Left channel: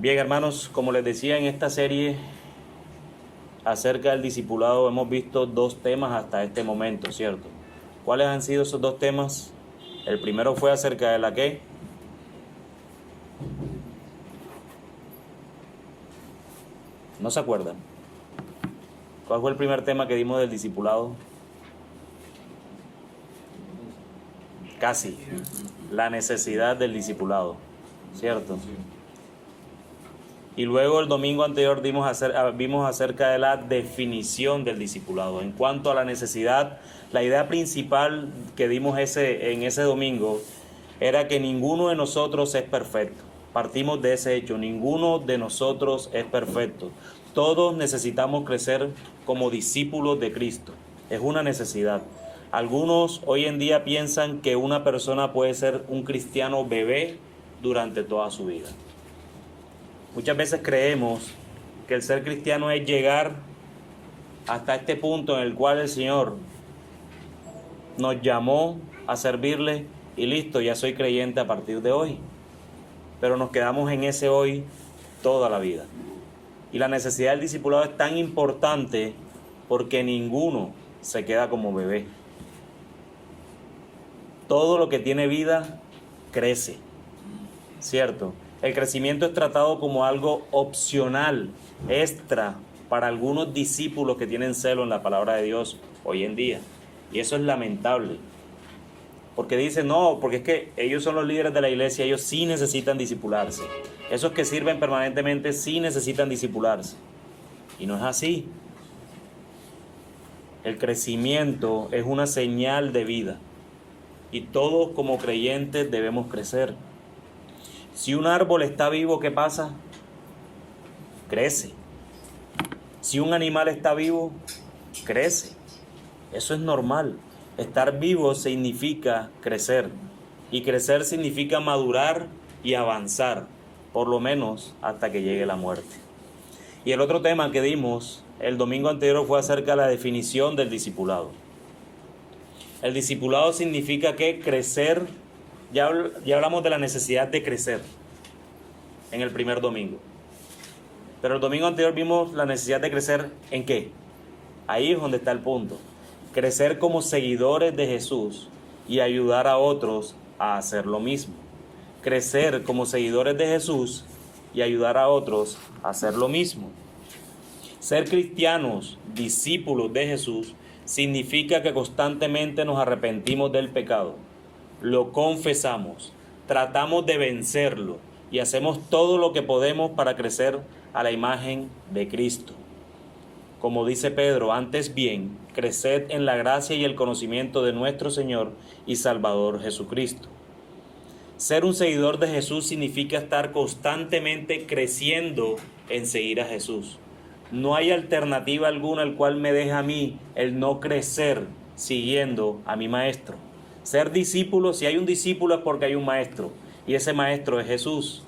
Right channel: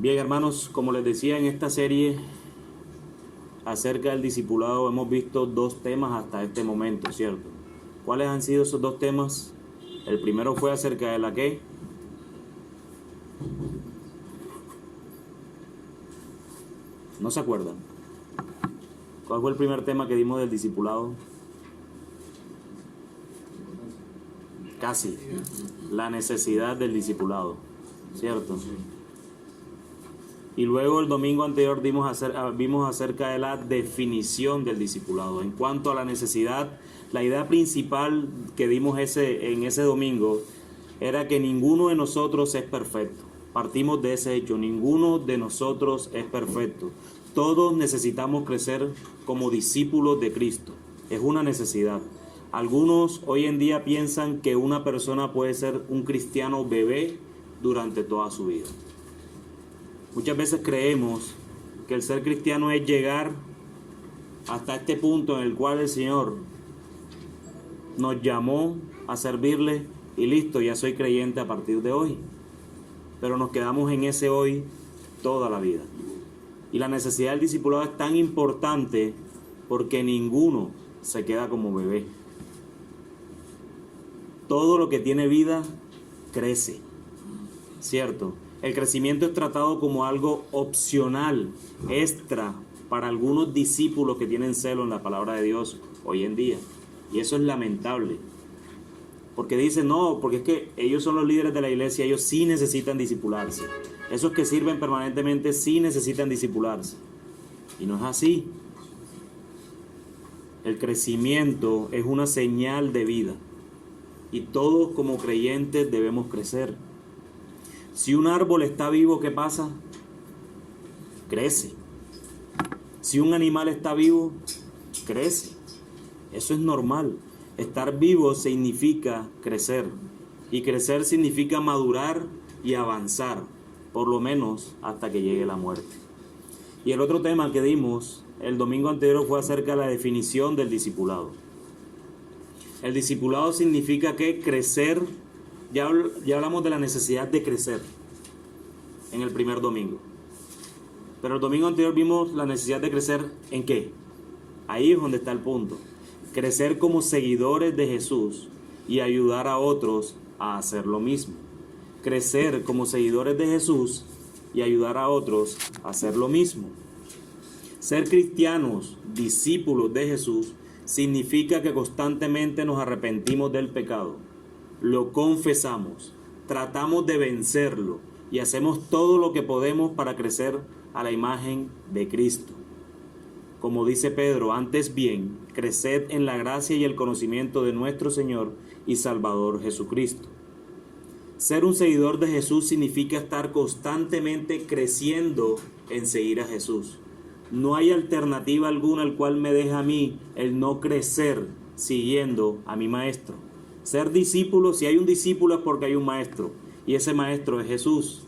Bien, hermanos, como les decía, en esta serie acerca del discipulado hemos visto dos temas hasta este momento, ¿cierto? ¿Cuáles han sido esos dos temas? El primero fue acerca de la ¿qué? ¿No se acuerdan? ¿Cuál fue el primer tema que dimos del discipulado? Casi. La necesidad del discipulado, ¿cierto? Y luego el domingo anterior vimos acerca de la definición del discipulado. En cuanto a la necesidad, la idea principal que dimos en ese domingo era que ninguno de nosotros es perfecto. Partimos de ese hecho, ninguno de nosotros es perfecto. Todos necesitamos crecer como discípulos de Cristo. Es una necesidad. Algunos hoy en día piensan que una persona puede ser un cristiano bebé durante toda su vida. Muchas veces creemos que el ser cristiano es llegar hasta este punto en el cual el Señor nos llamó a servirle y listo, ya soy creyente a partir de hoy. Pero nos quedamos en ese hoy toda la vida. Y la necesidad del discipulado es tan importante porque ninguno se queda como bebé. Todo lo que tiene vida crece, ¿cierto? El crecimiento es tratado como algo opcional, extra, para algunos discípulos que tienen celo en la palabra de Dios hoy en día. Y eso es lamentable. Porque dicen, no, porque es que ellos son los líderes de la iglesia, ellos sí necesitan discipularse. Esos que sirven permanentemente sí necesitan discipularse. Y no es así. El crecimiento es una señal de vida. Y todos como creyentes debemos crecer. Si un árbol está vivo, ¿qué pasa? Crece. Si un animal está vivo, crece. Eso es normal. Estar vivo significa crecer. Y crecer significa madurar y avanzar, por lo menos hasta que llegue la muerte. Y el otro tema que dimos el domingo anterior fue acerca de la definición del discipulado. El discipulado significa que crecer. Ya hablamos de la necesidad de crecer en el primer domingo. Pero el domingo anterior vimos la necesidad de crecer ¿en qué? Ahí es donde está el punto. Crecer como seguidores de Jesús y ayudar a otros a hacer lo mismo. Crecer como seguidores de Jesús y ayudar a otros a hacer lo mismo. Ser cristianos, discípulos de Jesús, significa que constantemente nos arrepentimos del pecado. Lo confesamos, tratamos de vencerlo y hacemos todo lo que podemos para crecer a la imagen de Cristo. Como dice Pedro, antes bien, creced en la gracia y el conocimiento de nuestro Señor y Salvador Jesucristo. Ser un seguidor de Jesús significa estar constantemente creciendo en seguir a Jesús. No hay alternativa alguna al cual me deja a mí el no crecer siguiendo a mi Maestro. Ser discípulo, si hay un discípulo es porque hay un maestro, y ese maestro es Jesús.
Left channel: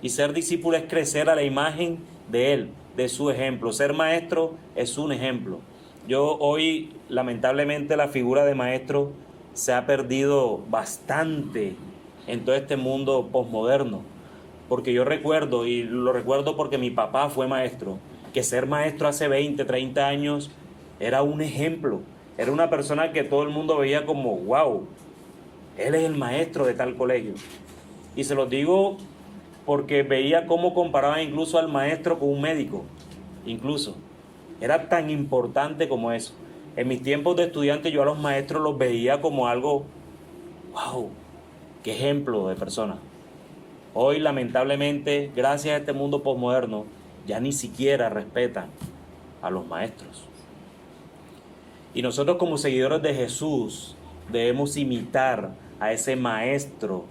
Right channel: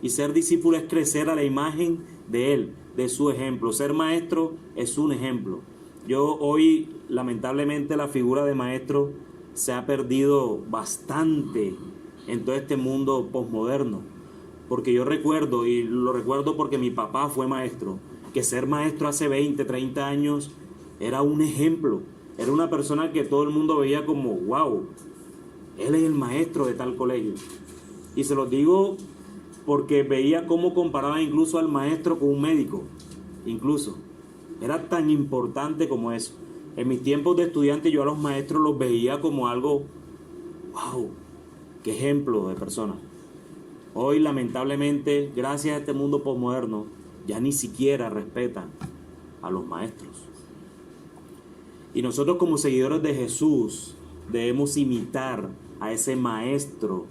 Y ser discípulo es crecer a la imagen de Él, de su ejemplo. Ser maestro es un ejemplo. Yo hoy, lamentablemente, la figura de maestro se ha perdido bastante en todo este mundo posmoderno. Porque yo recuerdo, y lo recuerdo porque mi papá fue maestro, que ser maestro hace 20, 30 años era un ejemplo. Era una persona que todo el mundo veía como, wow, él es el maestro de tal colegio. Y se los digo porque veía cómo comparaban incluso al maestro con un médico. Incluso. Era tan importante como eso. En mis tiempos de estudiante yo a los maestros los veía como algo, wow, qué ejemplo de persona. Hoy lamentablemente, gracias a este mundo posmoderno, ya ni siquiera respetan a los maestros. Y nosotros como seguidores de Jesús debemos imitar a ese maestro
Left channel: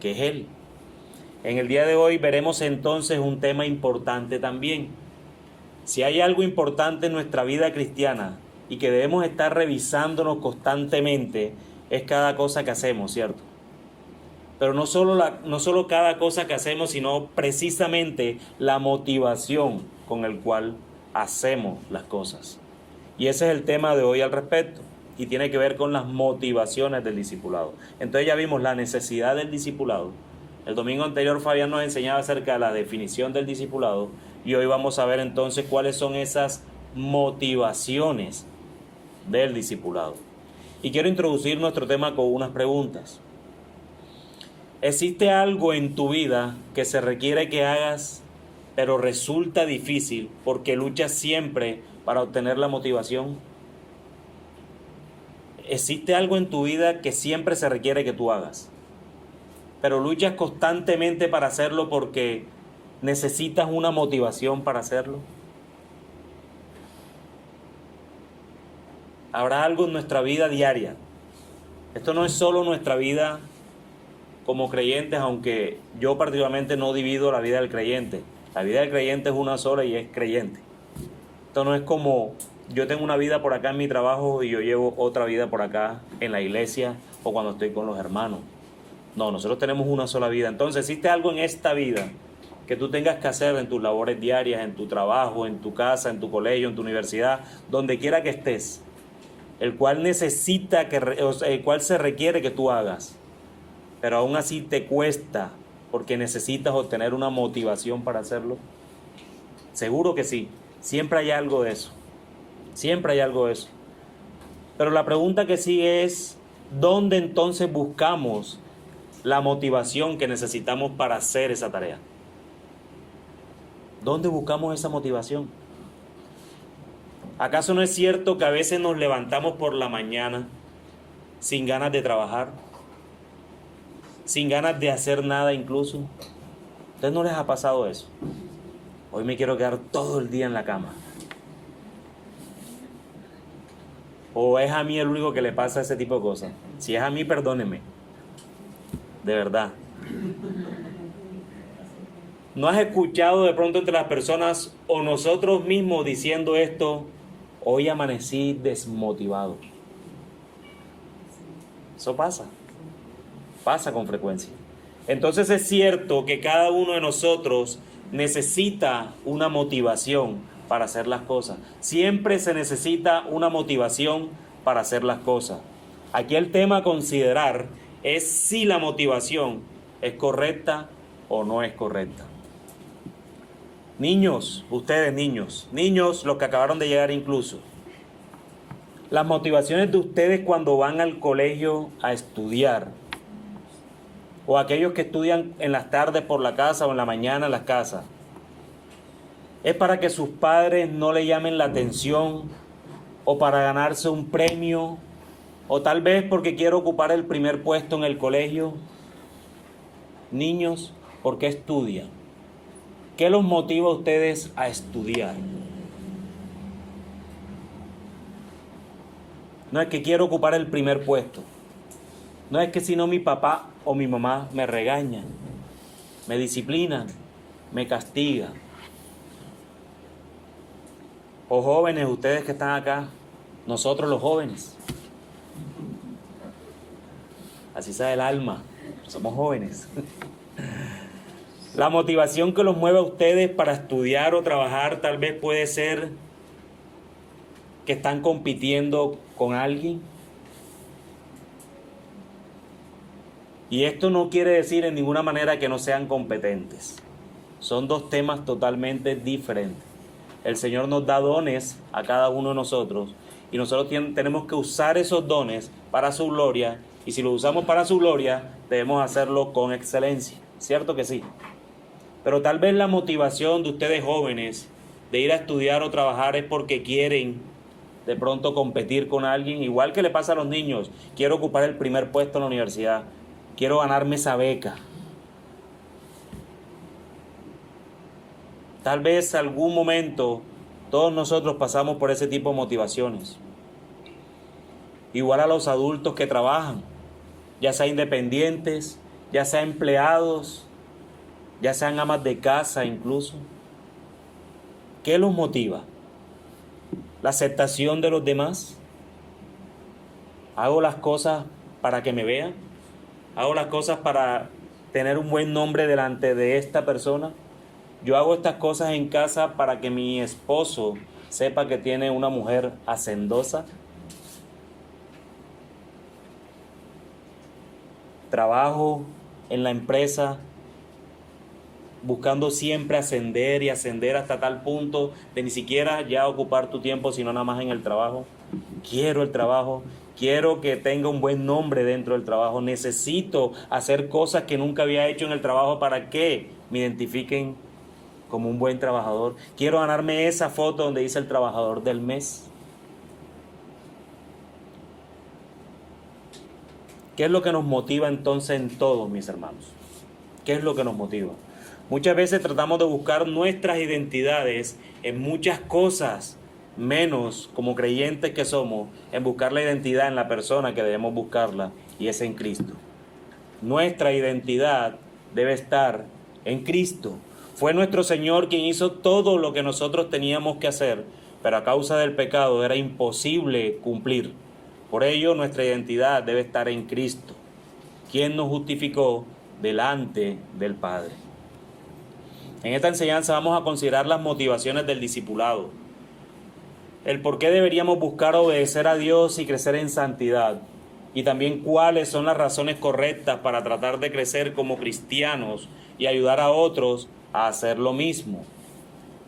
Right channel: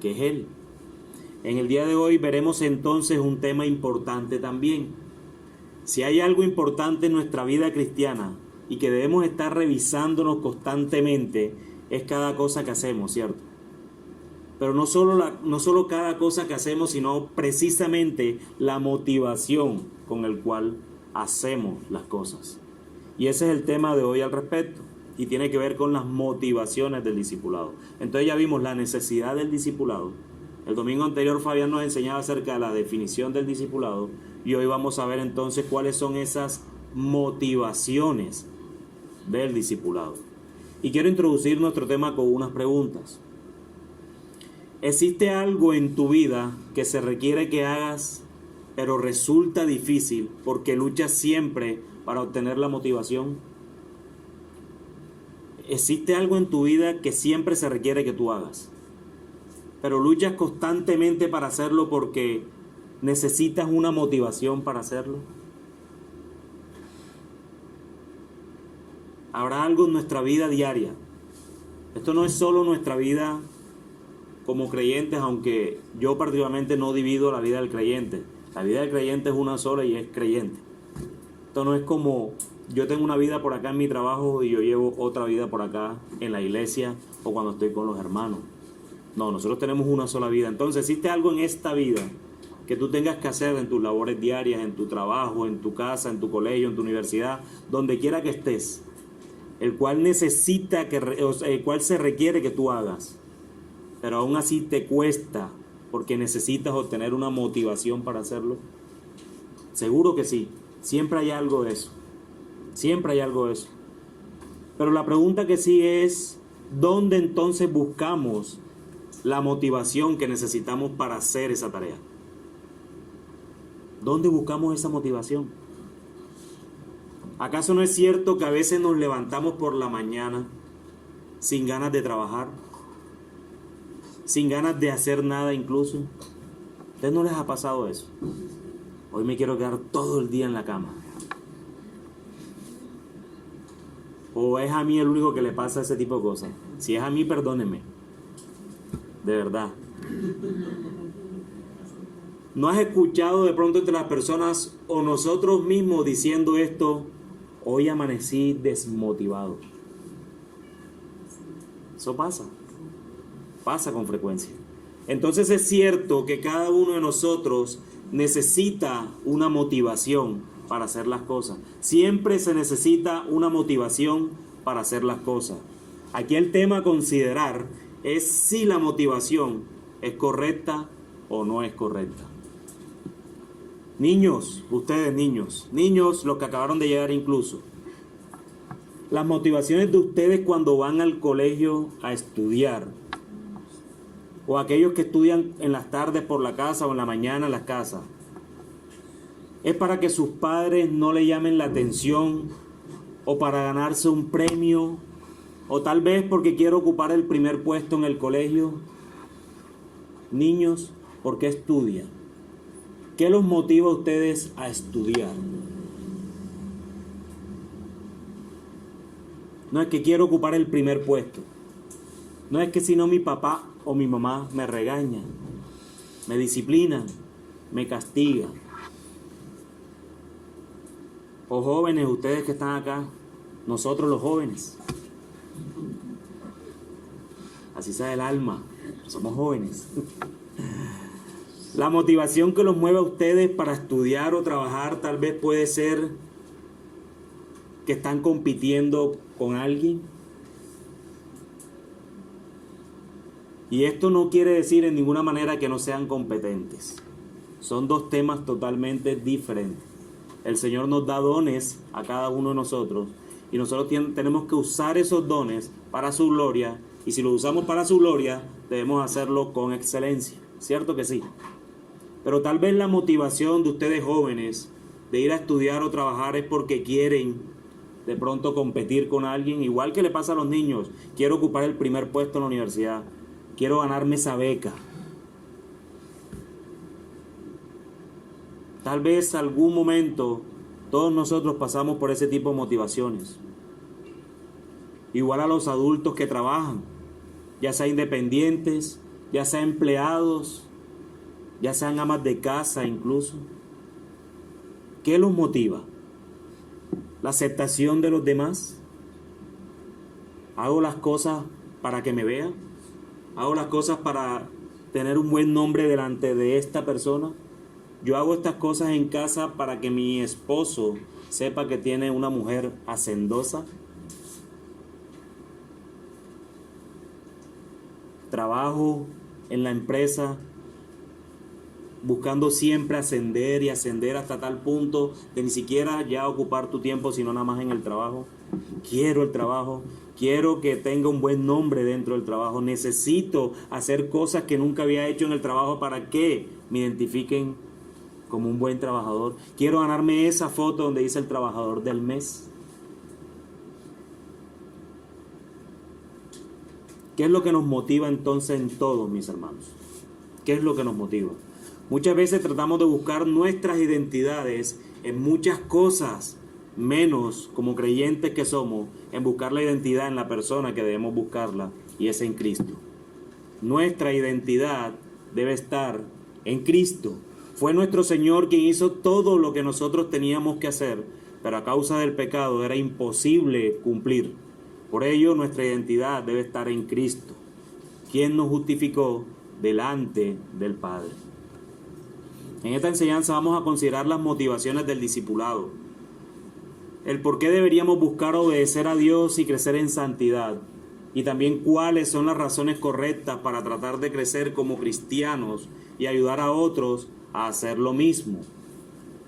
que es Él. En el día de hoy veremos entonces un tema importante también. Si hay algo importante en nuestra vida cristiana y que debemos estar revisándonos constantemente, es cada cosa que hacemos, ¿cierto? Pero no solo cada cosa que hacemos, sino precisamente la motivación con el cual hacemos las cosas. Y ese es el tema de hoy al respecto. Y tiene que ver con las motivaciones del discipulado. Entonces ya vimos la necesidad del discipulado. El domingo anterior Fabián nos enseñaba acerca de la definición del discipulado y hoy vamos a ver entonces cuáles son esas motivaciones del discipulado. Y quiero introducir nuestro tema con unas preguntas. ¿Existe algo en tu vida que se requiere que hagas, pero resulta difícil porque luchas siempre para obtener la motivación? ¿Existe algo en tu vida que siempre se requiere que tú hagas, pero luchas constantemente para hacerlo porque necesitas una motivación para hacerlo? Habrá algo en nuestra vida diaria. Esto no es solo nuestra vida como creyentes, aunque yo particularmente no divido la vida del creyente. La vida del creyente es una sola y es creyente. Esto no es como yo tengo una vida por acá en mi trabajo y yo llevo otra vida por acá en la iglesia o cuando estoy con los hermanos. No, nosotros tenemos una sola vida. Entonces existe algo en esta vida que tú tengas que hacer en tus labores diarias, en tu trabajo, en tu casa, en tu colegio, en tu universidad, donde quiera que estés, el cual se requiere que tú hagas, pero aún así te cuesta porque necesitas obtener una motivación para hacerlo. Seguro que sí, siempre hay algo de eso, siempre hay algo de eso. Pero la pregunta que sí es, ¿dónde entonces buscamos la motivación que necesitamos para hacer esa tarea? ¿Dónde buscamos esa motivación? ¿Acaso no es cierto que a veces nos levantamos por la mañana sin ganas de trabajar? Sin ganas de hacer nada incluso. ¿A ustedes no les ha pasado eso? Hoy me quiero quedar todo el día en la cama. ¿O es a mí el único que le pasa ese tipo de cosas? Si es a mí, perdónenme. De verdad. ¿No has escuchado de pronto entre las personas o nosotros mismos diciendo esto? Hoy amanecí desmotivado. Eso pasa. Pasa con frecuencia. Entonces es cierto que cada uno de nosotros necesita una motivación para hacer las cosas. Siempre se necesita una motivación para hacer las cosas. Aquí el tema a considerar es si la motivación es correcta o no es correcta. Niños, ustedes niños, los que acabaron de llegar incluso, las motivaciones de ustedes cuando van al colegio a estudiar, o aquellos que estudian en las tardes por la casa o en la mañana en las casas, ¿es para que sus padres no le llamen la atención o para ganarse un premio o tal vez porque quiere ocupar el primer puesto en el colegio? Niños, ¿por qué estudian? ¿Qué los motiva a ustedes a estudiar? No es que quiero ocupar el primer puesto. No es que si no mi papá o mi mamá me regañan, me disciplinan, me castigan. O jóvenes, ustedes que están acá, nosotros los jóvenes. Así sabe el alma, somos jóvenes. La motivación que los mueve a ustedes para estudiar o trabajar tal vez puede ser que están compitiendo con alguien. Y esto no quiere decir en ninguna manera que no sean competentes. Son dos temas totalmente diferentes. El Señor nos da dones a cada uno de nosotros y nosotros tenemos que usar esos dones para su gloria, y si los usamos para su gloria debemos hacerlo con excelencia. ¿Cierto que sí? Pero tal vez la motivación de ustedes jóvenes de ir a estudiar o trabajar es porque quieren de pronto competir con alguien, igual que le pasa a los niños. Quiero ocupar el primer puesto en la universidad, quiero ganarme esa beca. Tal vez algún momento todos nosotros pasamos por ese tipo de motivaciones. Igual a los adultos que trabajan, ya sean independientes, ya sean empleados, ya sean amas de casa incluso. ¿Qué los motiva? ¿La aceptación de los demás? ¿Hago las cosas para que me vean? ¿Hago las cosas para tener un buen nombre delante de esta persona? Yo hago estas cosas en casa para que mi esposo sepa que tiene una mujer hacendosa. Trabajo en la empresa buscando siempre ascender y ascender hasta tal punto de ni siquiera ya ocupar tu tiempo, sino nada más en el trabajo. Quiero el trabajo, quiero que tenga un buen nombre dentro del trabajo, necesito hacer cosas que nunca había hecho en el trabajo para que me identifiquen como un buen trabajador. Quiero ganarme esa foto donde dice el trabajador del mes. ¿Qué es lo que nos motiva entonces en todo, mis hermanos? ¿Qué es lo que nos motiva? Muchas veces tratamos de buscar nuestras identidades en muchas cosas, menos como creyentes que somos, en buscar la identidad en la persona que debemos buscarla, y es en Cristo. Nuestra identidad debe estar en Cristo. Fue nuestro Señor quien hizo todo lo que nosotros teníamos que hacer, pero a causa del pecado era imposible cumplir. Por ello, nuestra identidad debe estar en Cristo, quien nos justificó delante del Padre. En esta enseñanza vamos a considerar las motivaciones del discipulado, el por qué deberíamos buscar obedecer a Dios y crecer en santidad, y también cuáles son las razones correctas para tratar de crecer como cristianos y ayudar a otros a hacer lo mismo.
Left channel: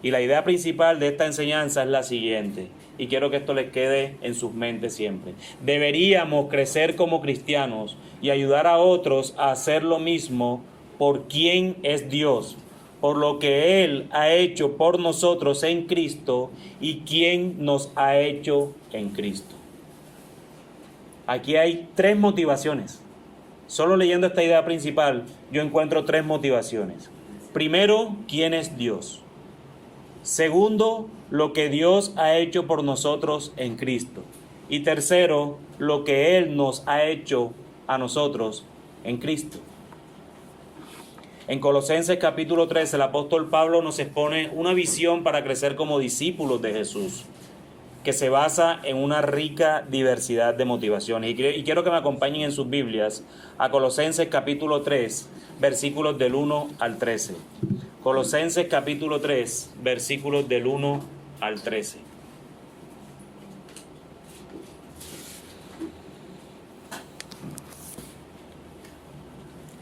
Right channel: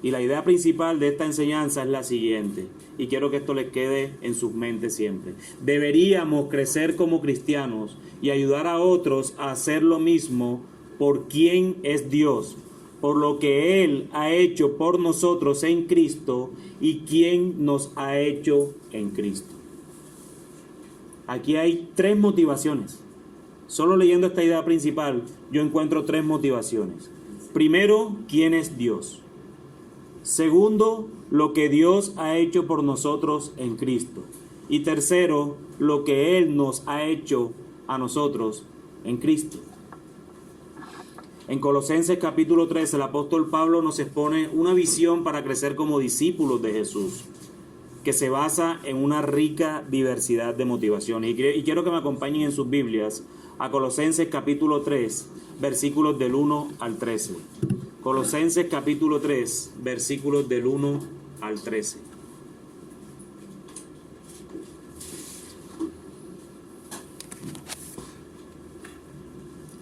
Y la idea principal de esta enseñanza es la siguiente, y quiero que esto les quede en sus mentes siempre. Deberíamos crecer como cristianos y ayudar a otros a hacer lo mismo por quien es Dios, por lo que Él ha hecho por nosotros en Cristo y quien nos ha hecho en Cristo. Aquí hay 3 motivaciones. Solo leyendo esta idea principal, yo encuentro 3 motivaciones. Primero, ¿quién es Dios? Segundo, lo que Dios ha hecho por nosotros en Cristo. Y tercero, lo que Él nos ha hecho a nosotros en Cristo. En Colosenses capítulo 3, el apóstol Pablo nos expone una visión para crecer como discípulos de Jesús, que se basa en una rica diversidad de motivaciones. Y quiero que me acompañen en sus Biblias a Colosenses capítulo 3, versículos del 1 al 13. Colosenses capítulo 3, versículos del 1 al 13.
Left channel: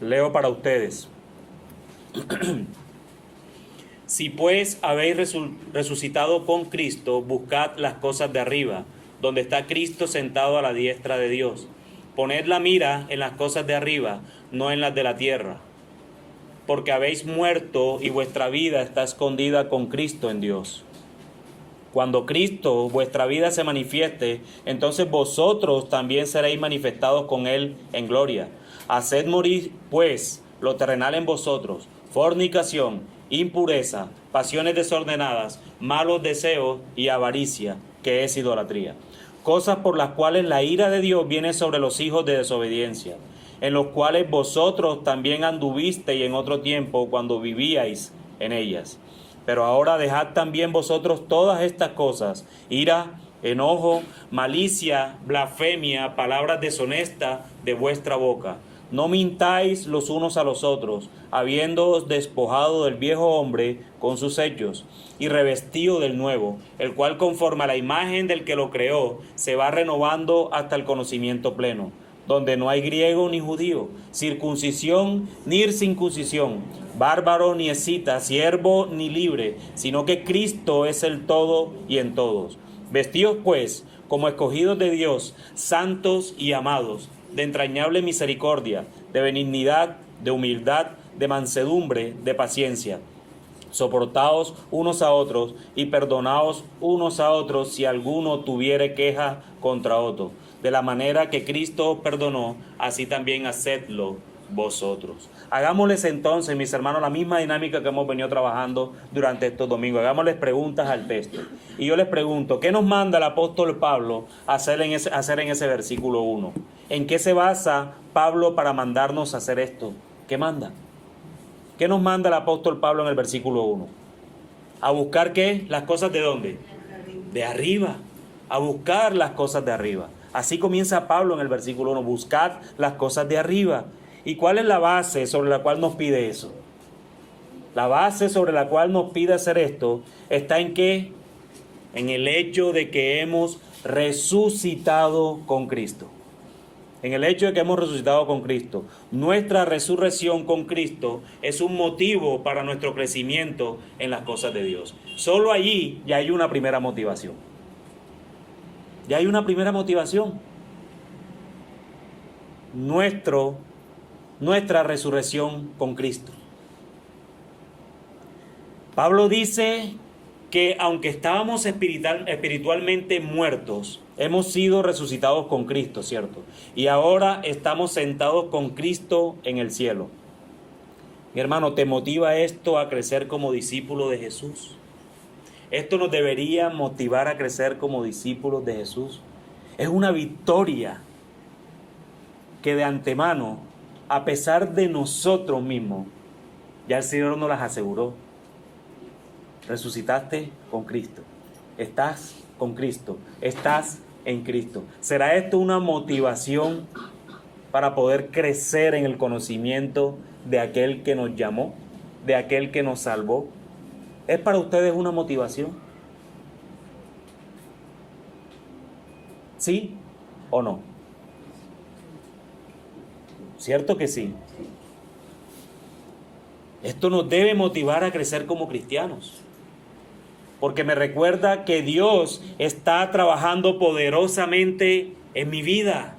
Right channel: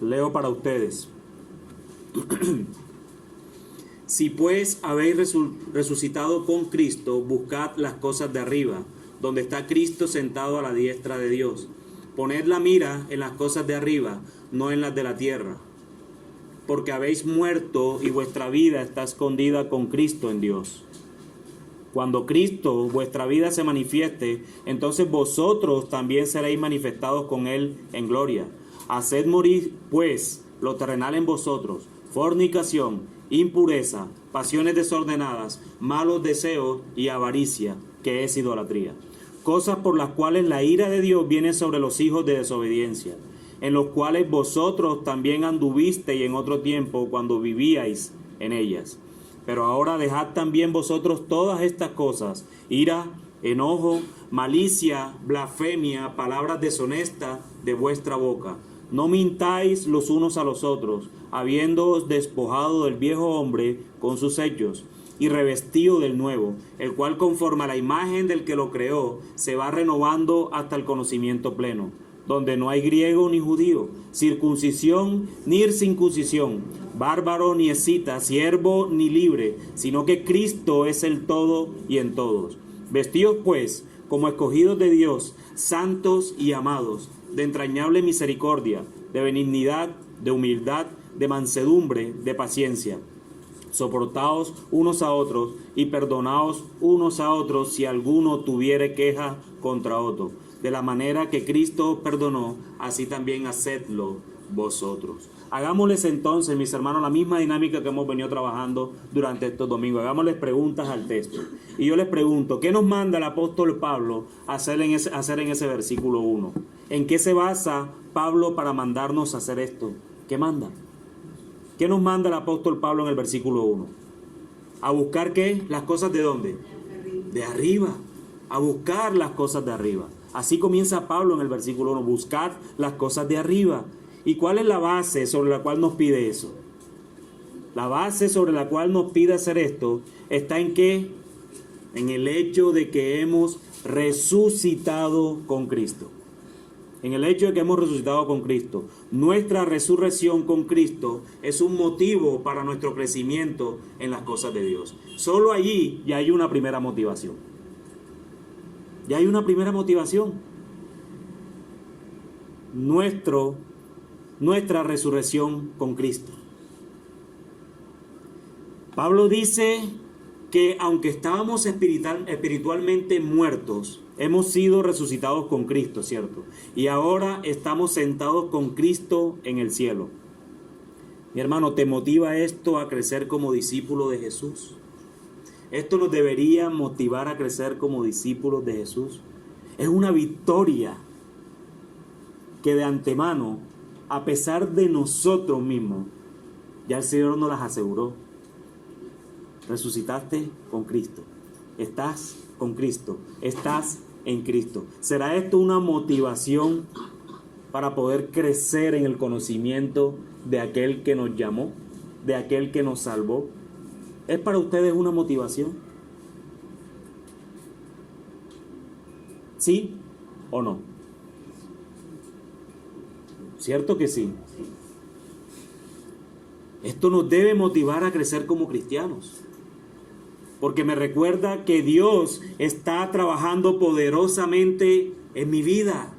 Leo para ustedes. Si pues habéis resucitado con Cristo, buscad las cosas de arriba, donde está Cristo sentado a la diestra de Dios. Poned la mira en las cosas de arriba, no en las de la tierra, porque habéis muerto y vuestra vida está escondida con Cristo en Dios. Cuando Cristo, vuestra vida, se manifieste, entonces vosotros también seréis manifestados con Él en gloria. Haced morir, pues, lo terrenal en vosotros: fornicación, impureza, pasiones desordenadas, malos deseos y avaricia, que es idolatría. Cosas por las cuales la ira de Dios viene sobre los hijos de desobediencia, en los cuales vosotros también anduvisteis en otro tiempo cuando vivíais en ellas. Pero ahora dejad también vosotros todas estas cosas: ira, enojo, malicia, blasfemia, palabras deshonestas de vuestra boca. No mintáis los unos a los otros, habiéndoos despojado del viejo hombre con sus hechos, y revestido del nuevo, el cual conforme a la imagen del que lo creó, se va renovando hasta el conocimiento pleno, donde no hay griego ni judío, circuncisión ni circuncisión, bárbaro ni escita, siervo ni libre, sino que Cristo es el todo y en todos. Vestíos pues como escogidos de Dios, santos y amados, de entrañable misericordia, de benignidad, de humildad, de mansedumbre, de paciencia. Soportaos unos a otros y perdonaos unos a otros si alguno tuviere queja contra otro. De la manera que Cristo os perdonó, así también hacedlo vosotros. Hagámosles entonces, mis hermanos, la misma dinámica que hemos venido trabajando durante estos domingos. Hagámosles preguntas al texto. Y yo les pregunto, ¿qué nos manda el apóstol Pablo a hacer en ese versículo 1? ¿En qué se basa Pablo para mandarnos a hacer esto? ¿Qué manda? ¿Qué nos manda el apóstol Pablo en el versículo 1? ¿A buscar qué? ¿Las cosas de dónde? De arriba. A buscar las cosas de arriba. Así comienza Pablo en el versículo 1. Buscad las cosas de arriba. ¿Y cuál es la base sobre la cual nos pide eso? La base sobre la cual nos pide hacer esto está en ¿qué? En el hecho de que hemos resucitado con Cristo. en el hecho de que hemos resucitado con Cristo. Nuestra resurrección con Cristo es un motivo para nuestro crecimiento en las cosas de Dios. Solo allí ya hay una primera motivación. Ya hay una primera motivación. Nuestra resurrección con Cristo. Pablo dice que aunque estábamos espiritualmente muertos, hemos sido resucitados con Cristo, ¿cierto? Y ahora estamos sentados con Cristo en el cielo. Mi hermano, ¿te motiva esto a crecer como discípulo de Jesús? Esto nos debería motivar a crecer como discípulos de Jesús. Es una victoria que de antemano, a pesar de nosotros mismos, ya el Señor nos las aseguró. Resucitaste con Cristo. Estás con Cristo. Estás en Cristo. ¿Será esto una motivación para poder crecer en el conocimiento de aquel que nos llamó, de aquel que nos salvó? ¿Es para ustedes una motivación? ¿Sí o no? ¿Cierto que sí? Esto nos debe motivar a crecer como cristianos, porque me recuerda que Dios está trabajando poderosamente en mi vida.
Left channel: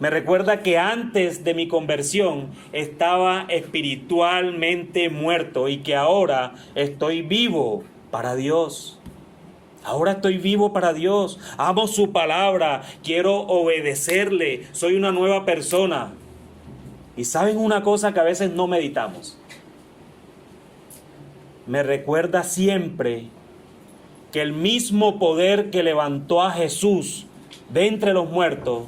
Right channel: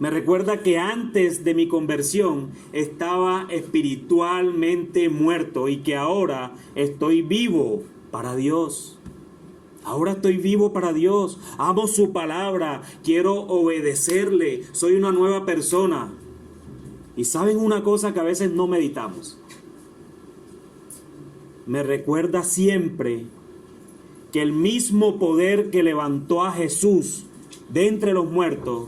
Me recuerda que antes de mi conversión estaba espiritualmente muerto y que ahora estoy vivo para Dios. Ahora estoy vivo para Dios. Amo su palabra. Quiero obedecerle. Soy una nueva persona. Y ¿saben una cosa que a veces no meditamos? Me recuerda siempre que el mismo poder que levantó a Jesús de entre los muertos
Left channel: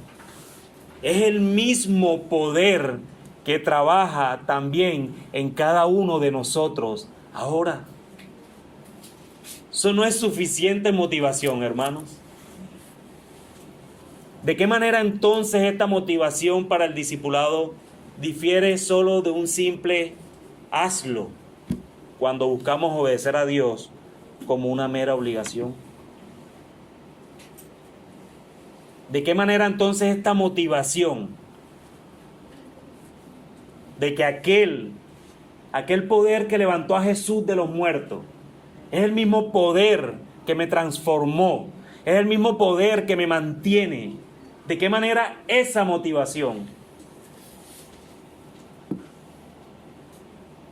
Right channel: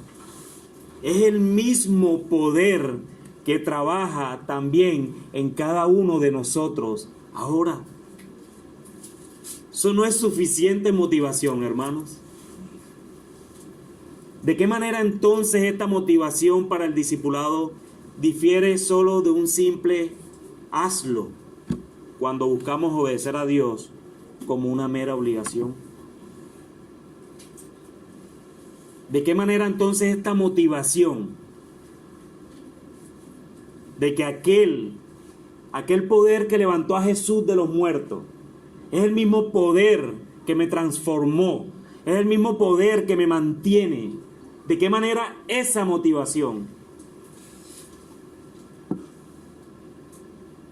es el mismo poder que trabaja también en cada uno de nosotros ahora. Eso no es suficiente motivación, hermanos. ¿De qué manera entonces esta motivación para el discipulado difiere solo de un simple hazlo cuando buscamos obedecer a Dios como una mera obligación? ¿De qué manera entonces esta motivación de que aquel poder que levantó a Jesús de los muertos es el mismo poder que me transformó, es el mismo poder que me mantiene? ¿De qué manera esa motivación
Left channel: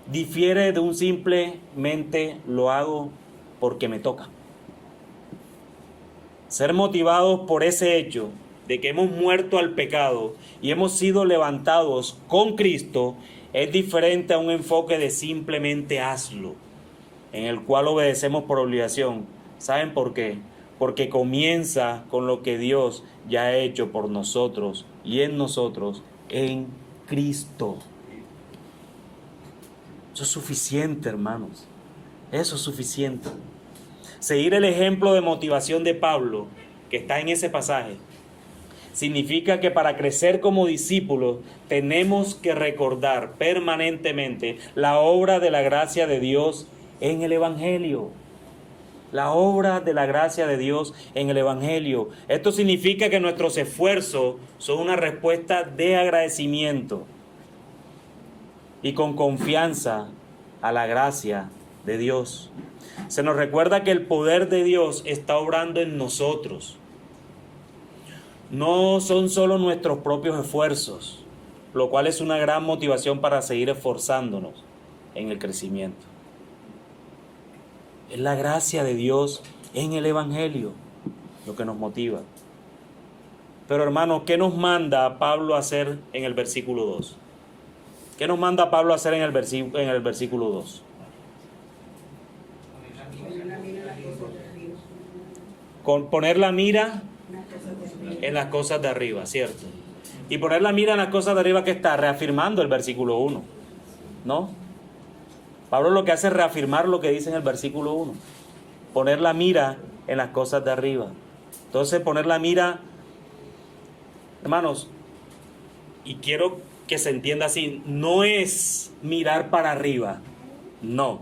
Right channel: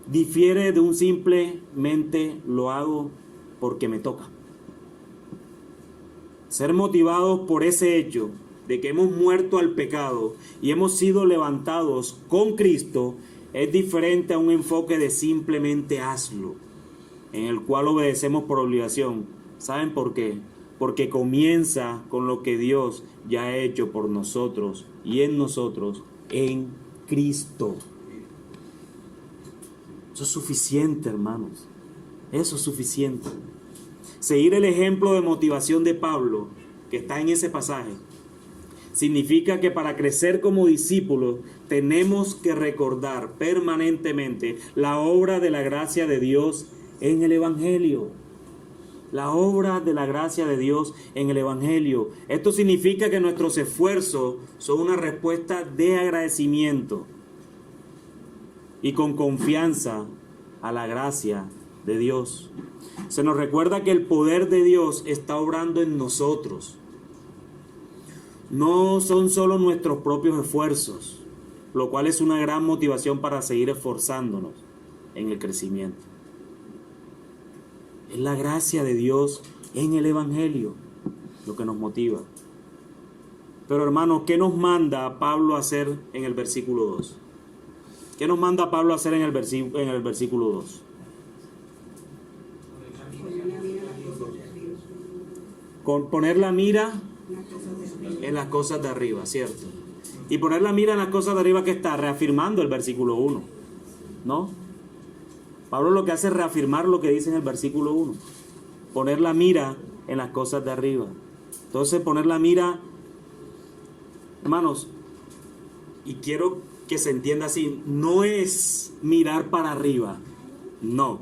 difiere de un simplemente lo hago porque me toca? Ser motivados por ese hecho de que hemos muerto al pecado y hemos sido levantados con Cristo es diferente a un enfoque de simplemente hazlo, en el cual obedecemos por obligación. ¿Saben por qué? Porque comienza con lo que Dios ya ha hecho por nosotros y en nosotros en Cristo. Eso es suficiente, hermanos. Eso es suficiente. Seguir el ejemplo de motivación de Pablo, que está en ese pasaje, significa que para crecer como discípulos tenemos que recordar permanentemente la obra de la gracia de Dios en el Evangelio. La obra de la gracia de Dios en el Evangelio. Esto significa que nuestros esfuerzos son una respuesta de agradecimiento y con confianza a la gracia de Dios. Se nos recuerda que el poder de Dios está obrando en nosotros. No son solo nuestros propios esfuerzos, lo cual es una gran motivación para seguir esforzándonos en el crecimiento. Es la gracia de Dios en el Evangelio lo que nos motiva. Pero hermanos, ¿qué nos manda Pablo a hacer en el versículo 2? ¿Qué nos manda Pablo a hacer en el versículo 2? Con poner la mira en las cosas de arriba, ¿cierto? Y poner la mira en las cosas de arriba, que está reafirmando el versículo 1, ¿no? Pablo lo que hace es reafirmar lo que dice en el versículo 1. Poner la mira en las cosas de arriba. Entonces, poner la mira, hermanos, y quiero que se entienda así, no es mirar para arriba, no.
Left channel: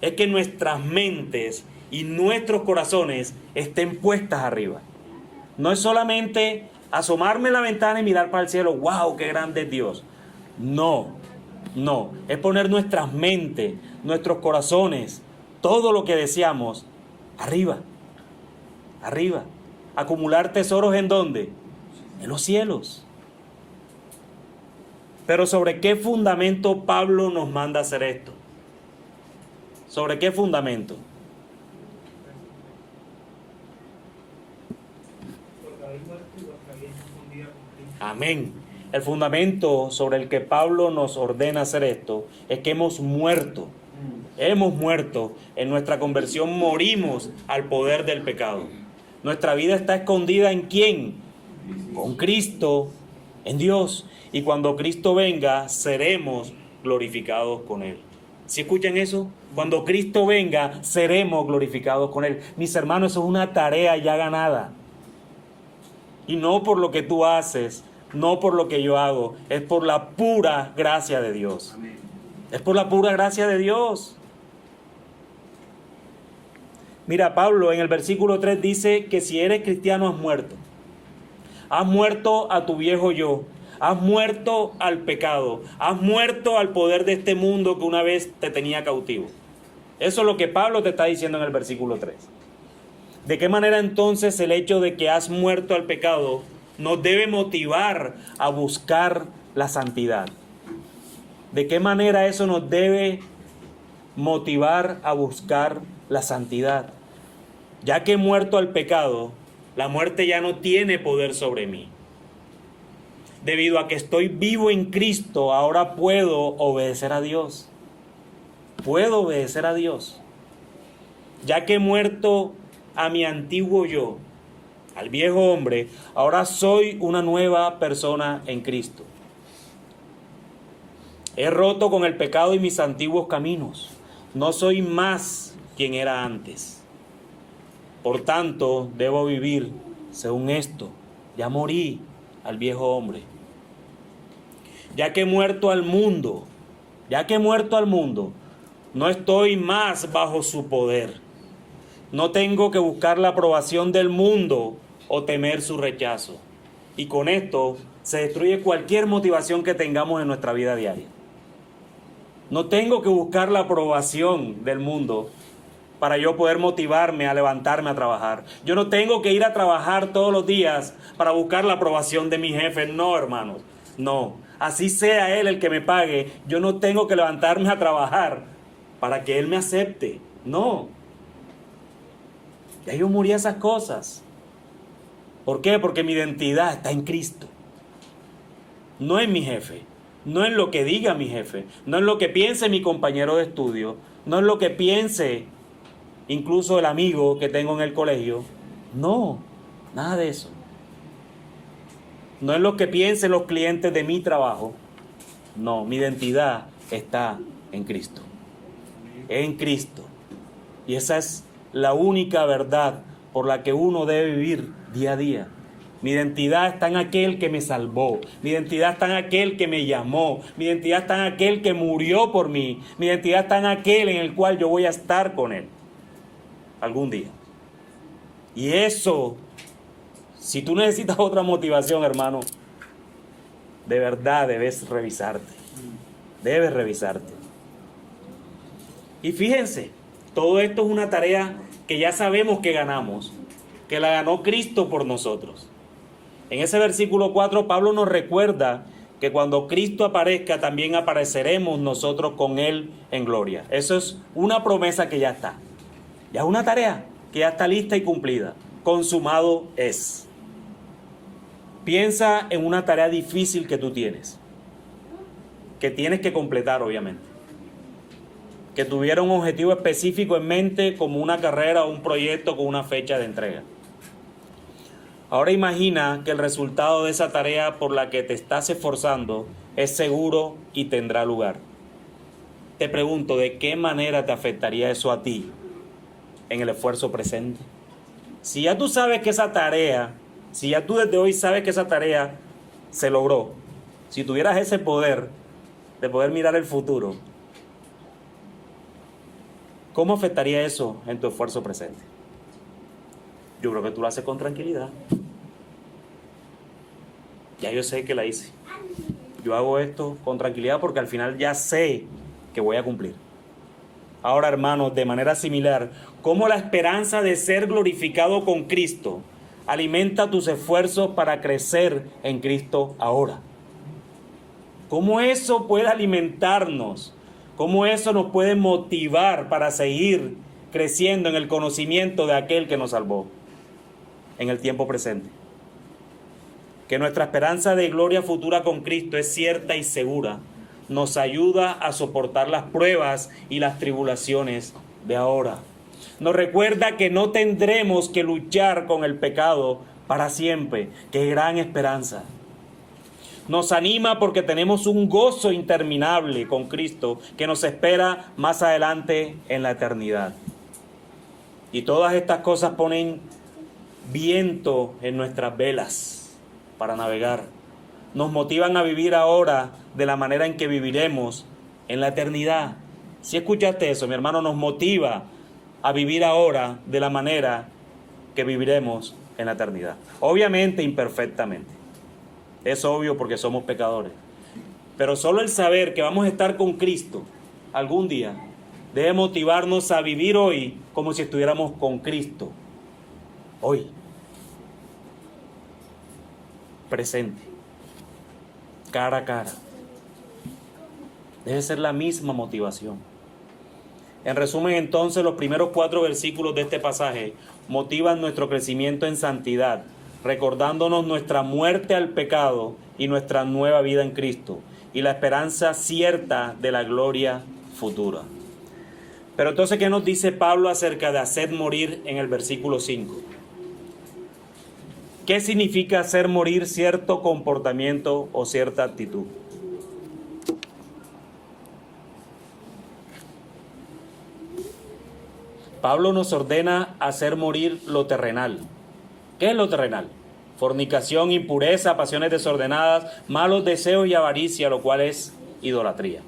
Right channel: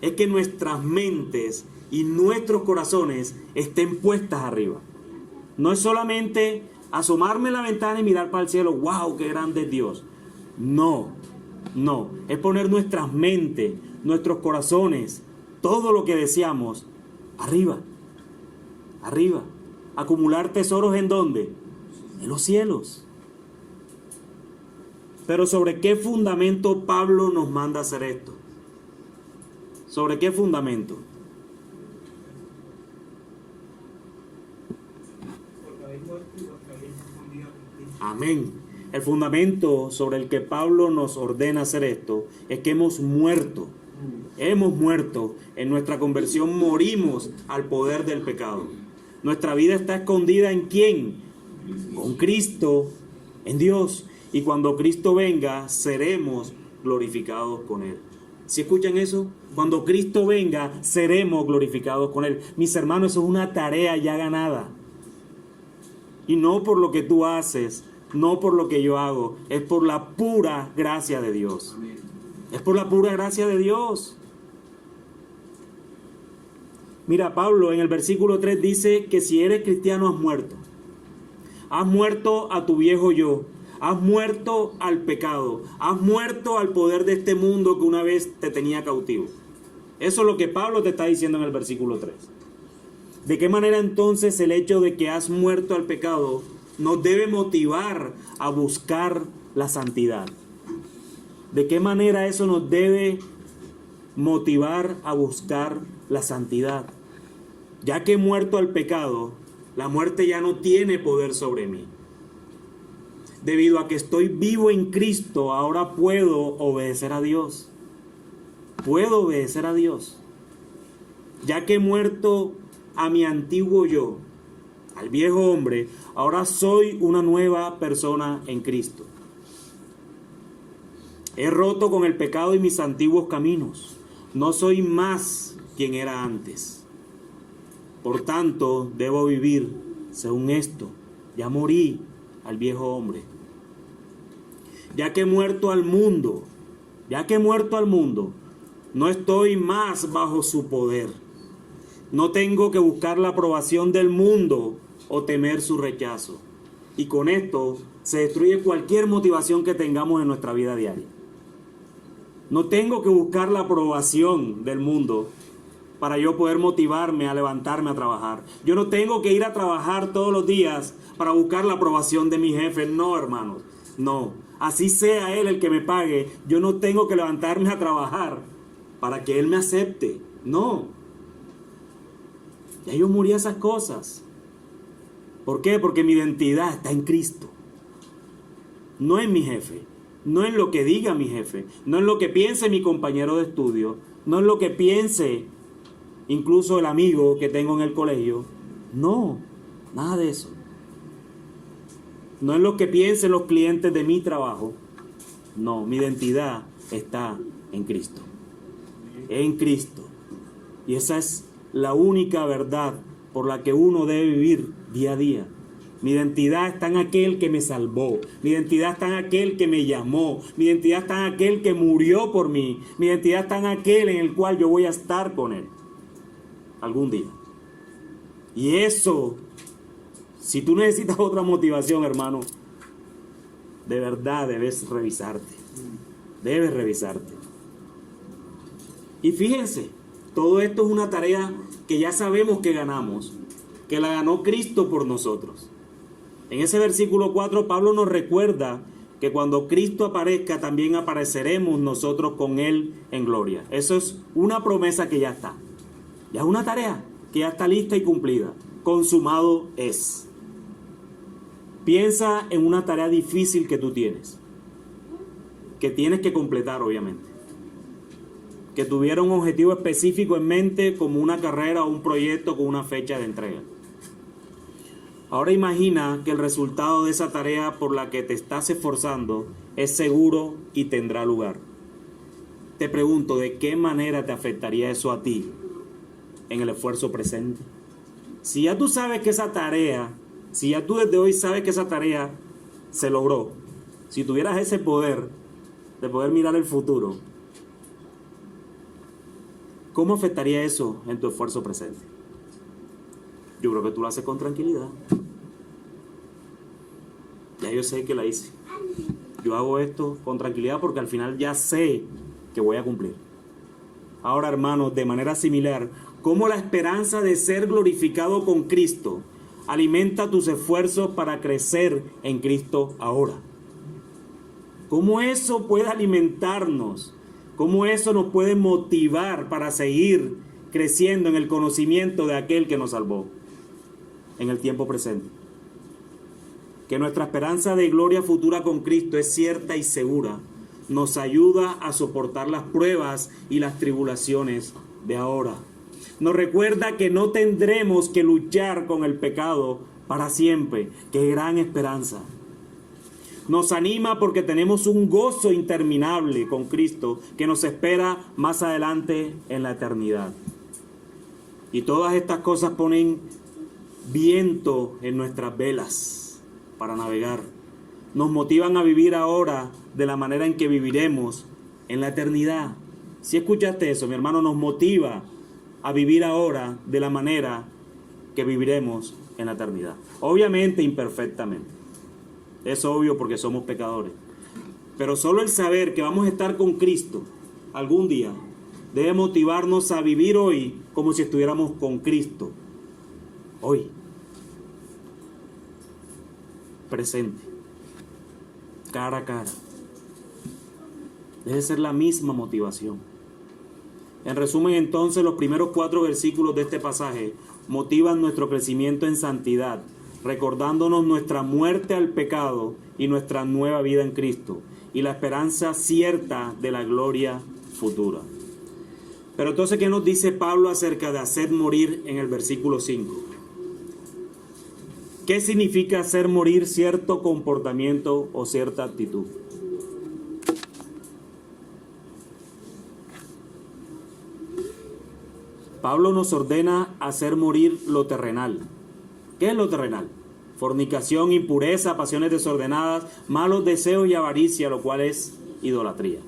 Es que nuestras mentes y nuestros corazones estén puestas arriba. No es solamente asomarme en la ventana y mirar para el cielo, wow, qué grande es Dios. No, no, es poner nuestras mentes, nuestros corazones, todo lo que deseamos, arriba, arriba. Acumular tesoros ¿en dónde? En los cielos. Pero ¿sobre qué fundamento Pablo nos manda hacer esto? ¿Sobre qué fundamento? Amén. El fundamento sobre el que Pablo nos ordena hacer esto es que hemos muerto. Hemos muerto. En nuestra conversión morimos al poder del pecado. Nuestra vida está escondida ¿en quién? Con Cristo, en Dios. Y cuando Cristo venga, seremos glorificados con Él. ¿Sí escuchan eso? Cuando Cristo venga, seremos glorificados con Él. Mis hermanos, eso es una tarea ya ganada. Y no por lo que tú haces, no por lo que yo hago, es por la pura gracia de Dios. Es por la pura gracia de Dios. Mira, Pablo en el versículo 3 dice que si eres cristiano has muerto. Has muerto a tu viejo yo. Has muerto al pecado. Has muerto al poder de este mundo que una vez te tenía cautivo. Eso es lo que Pablo te está diciendo en el versículo 3. ¿De qué manera entonces el hecho de que has muerto al pecado nos debe motivar a buscar la santidad? ¿De qué manera eso nos debe motivar a buscar la santidad? Ya que he muerto al pecado, la muerte ya no tiene poder sobre mí. Debido a que estoy vivo en Cristo, ahora puedo obedecer a Dios. Puedo obedecer a Dios. Ya que he muerto a mi antiguo yo, al viejo hombre, ahora soy una nueva persona en Cristo. He roto con el pecado y mis antiguos caminos. No soy más quien era antes. Por tanto, debo vivir según esto. Ya morí al viejo hombre. Ya que he muerto al mundo, no estoy más bajo su poder. No tengo que buscar la aprobación del mundo o temer su rechazo. Y con esto se destruye cualquier motivación que tengamos en nuestra vida diaria. No tengo que buscar la aprobación del mundo para yo poder motivarme a levantarme a trabajar. Yo no tengo que ir a trabajar todos los días para buscar la aprobación de mi jefe. No, hermanos, no. Así sea él el que me pague, yo no tengo que levantarme a trabajar para que él me acepte. No. Ya yo morí a esas cosas. ¿Por qué? Porque mi identidad está en Cristo. No en mi jefe. No en lo que diga mi jefe. No en lo que piense mi compañero de estudio. No en lo que piense incluso el amigo que tengo en el colegio. No, nada de eso. No en lo que piensen los clientes de mi trabajo. No, mi identidad está en Cristo. En Cristo. Y esa es la única verdad por la que uno debe vivir día a día. Mi identidad está en aquel que me salvó. Mi identidad está en aquel que me llamó. Mi identidad está en aquel que murió por mí. Mi identidad está en aquel en el cual yo voy a estar con él algún día. Y eso, si tú necesitas otra motivación, hermano, de verdad debes revisarte. Debes revisarte. Y fíjense, todo esto es una tarea que ya sabemos que ganamos, que la ganó Cristo por nosotros. En ese versículo 4, Pablo nos recuerda que cuando Cristo aparezca, también apareceremos nosotros con Él en gloria. Eso es una promesa que ya está. Ya es una tarea que ya está lista y cumplida. Consumado es. Piensa en una tarea difícil que tú tienes, que tienes que completar, obviamente. Que tuviera un objetivo específico en mente, como una carrera o un proyecto con una fecha de entrega. Ahora imagina que el resultado de esa tarea por la que te estás esforzando es seguro y tendrá lugar. Te pregunto, ¿de qué manera te afectaría eso a ti en el esfuerzo presente? Si ya tú sabes que esa tarea, si ya tú desde hoy sabes que esa tarea se logró, si tuvieras ese poder de poder mirar el futuro, ¿cómo afectaría eso en tu esfuerzo presente? Yo creo que tú lo haces con tranquilidad. Ya yo sé que la hice. Yo hago esto con tranquilidad porque al final ya sé que voy a cumplir. Ahora, hermanos, de manera similar, ¿cómo la esperanza de ser glorificado con Cristo alimenta tus esfuerzos para crecer en Cristo ahora? ¿Cómo eso puede alimentarnos? ¿Cómo eso nos puede motivar para seguir creciendo en el conocimiento de aquel que nos salvó en el tiempo presente? Que nuestra esperanza de gloria futura con Cristo es cierta y segura. Nos ayuda a soportar las pruebas y las tribulaciones de ahora. Nos recuerda que no tendremos que luchar con el pecado para siempre. ¡Qué gran esperanza! Nos anima porque tenemos un gozo interminable con Cristo que nos espera más adelante en la eternidad. Y todas estas cosas ponen viento en nuestras velas para navegar. Nos motivan a vivir ahora de la manera en que viviremos en la eternidad. Si escuchaste eso, mi hermano, nos motiva a vivir ahora de la manera que viviremos en la eternidad. Obviamente imperfectamente. Es obvio porque somos pecadores. Pero solo el saber que vamos a estar con Cristo algún día debe motivarnos a vivir hoy como si estuviéramos con Cristo. Hoy. Presente. Cara a cara. Debe ser la misma motivación. En resumen, entonces, los primeros 4 versículos de este pasaje motivan nuestro crecimiento en santidad, recordándonos nuestra muerte al pecado y nuestra nueva vida en Cristo, y la esperanza cierta de la gloria futura. Pero entonces, ¿qué nos dice Pablo acerca de hacer morir en el versículo 5? ¿Qué significa hacer morir cierto comportamiento o cierta actitud? Pablo nos ordena hacer morir lo terrenal. ¿Qué es lo terrenal? Fornicación, impureza, pasiones desordenadas, malos deseos y avaricia, lo cual es idolatría.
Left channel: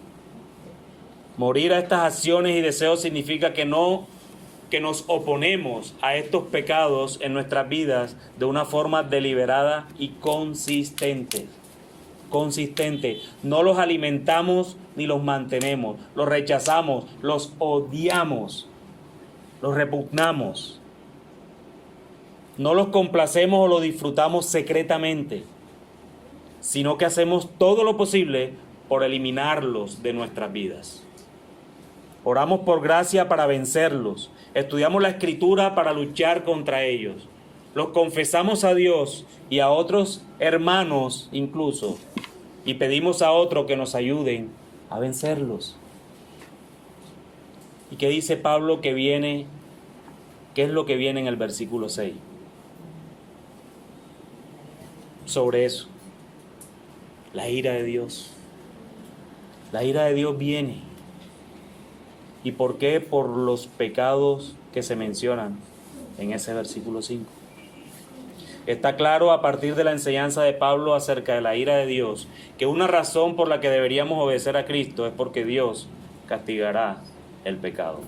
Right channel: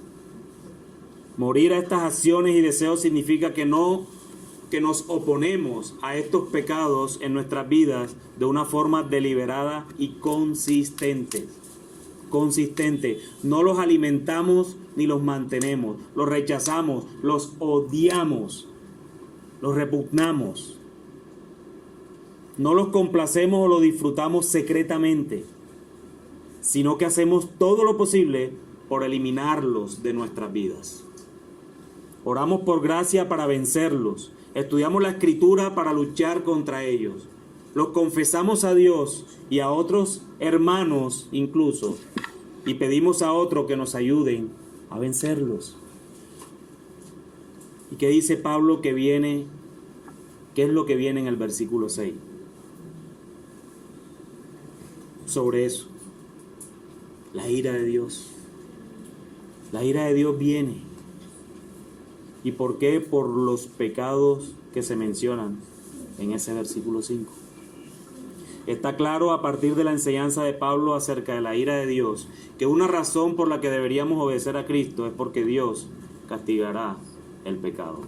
Morir a estas acciones y deseos significa que nos oponemos a estos pecados en nuestras vidas de una forma deliberada y consistente. No los alimentamos ni los mantenemos, los rechazamos, los odiamos, los repugnamos. No los complacemos o los disfrutamos secretamente, sino que hacemos todo lo posible por eliminarlos de nuestras vidas. Oramos por gracia para vencerlos. Estudiamos la Escritura para luchar contra ellos. Los confesamos a Dios y a otros hermanos incluso, y pedimos a otros que nos ayuden a vencerlos. ¿Y qué dice Pablo que viene? ¿Qué es lo que viene en el versículo 6? Sobre eso. La ira de Dios. La ira de Dios viene. ¿Y por qué? Por los pecados que se mencionan en ese versículo 5. Está claro a partir de la enseñanza de Pablo acerca de la ira de Dios que una razón por la que deberíamos obedecer a Cristo es porque Dios castigará el pecado.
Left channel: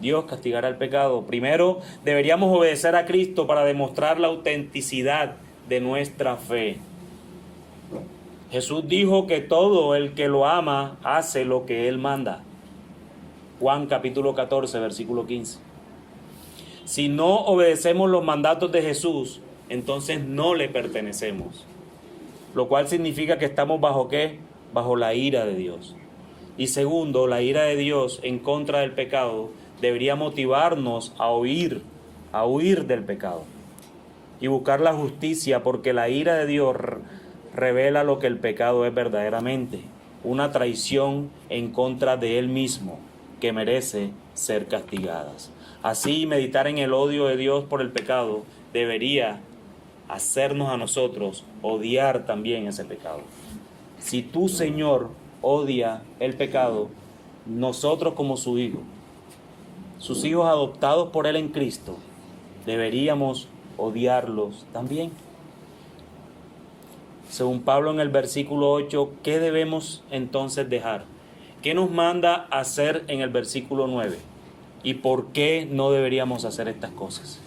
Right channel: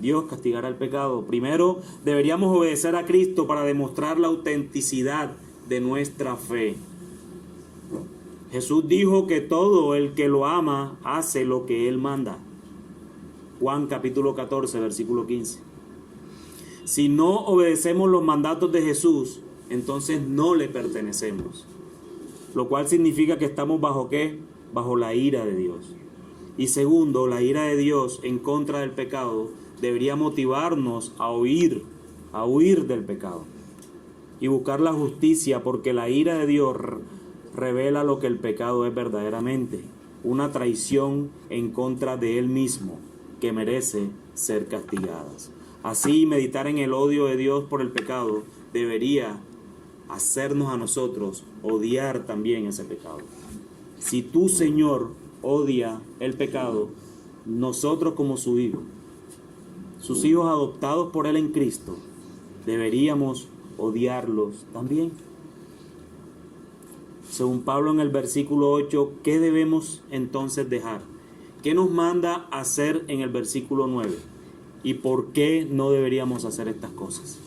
Dios castigará el pecado. Primero, deberíamos obedecer a Cristo para demostrar la autenticidad de nuestra fe. Jesús dijo que todo el que lo ama hace lo que Él manda. Juan capítulo 14, versículo 15. Si no obedecemos los mandatos de Jesús, entonces no le pertenecemos. Lo cual significa que estamos ¿bajo qué? Bajo la ira de Dios. Y segundo, la ira de Dios en contra del pecado debería motivarnos a huir del pecado y buscar la justicia, porque la ira de Dios revela lo que el pecado es verdaderamente, una traición en contra de Él mismo que merece ser castigadas. Así, meditar en el odio de Dios por el pecado debería hacernos a nosotros odiar también ese pecado. Si tu Señor odia el pecado, nosotros como sus hijos adoptados por Él en Cristo, deberíamos odiarlos también. Según Pablo en el versículo 8, ¿qué debemos entonces dejar? ¿Qué nos manda hacer en el versículo 9? ¿Y por qué no deberíamos hacer estas cosas?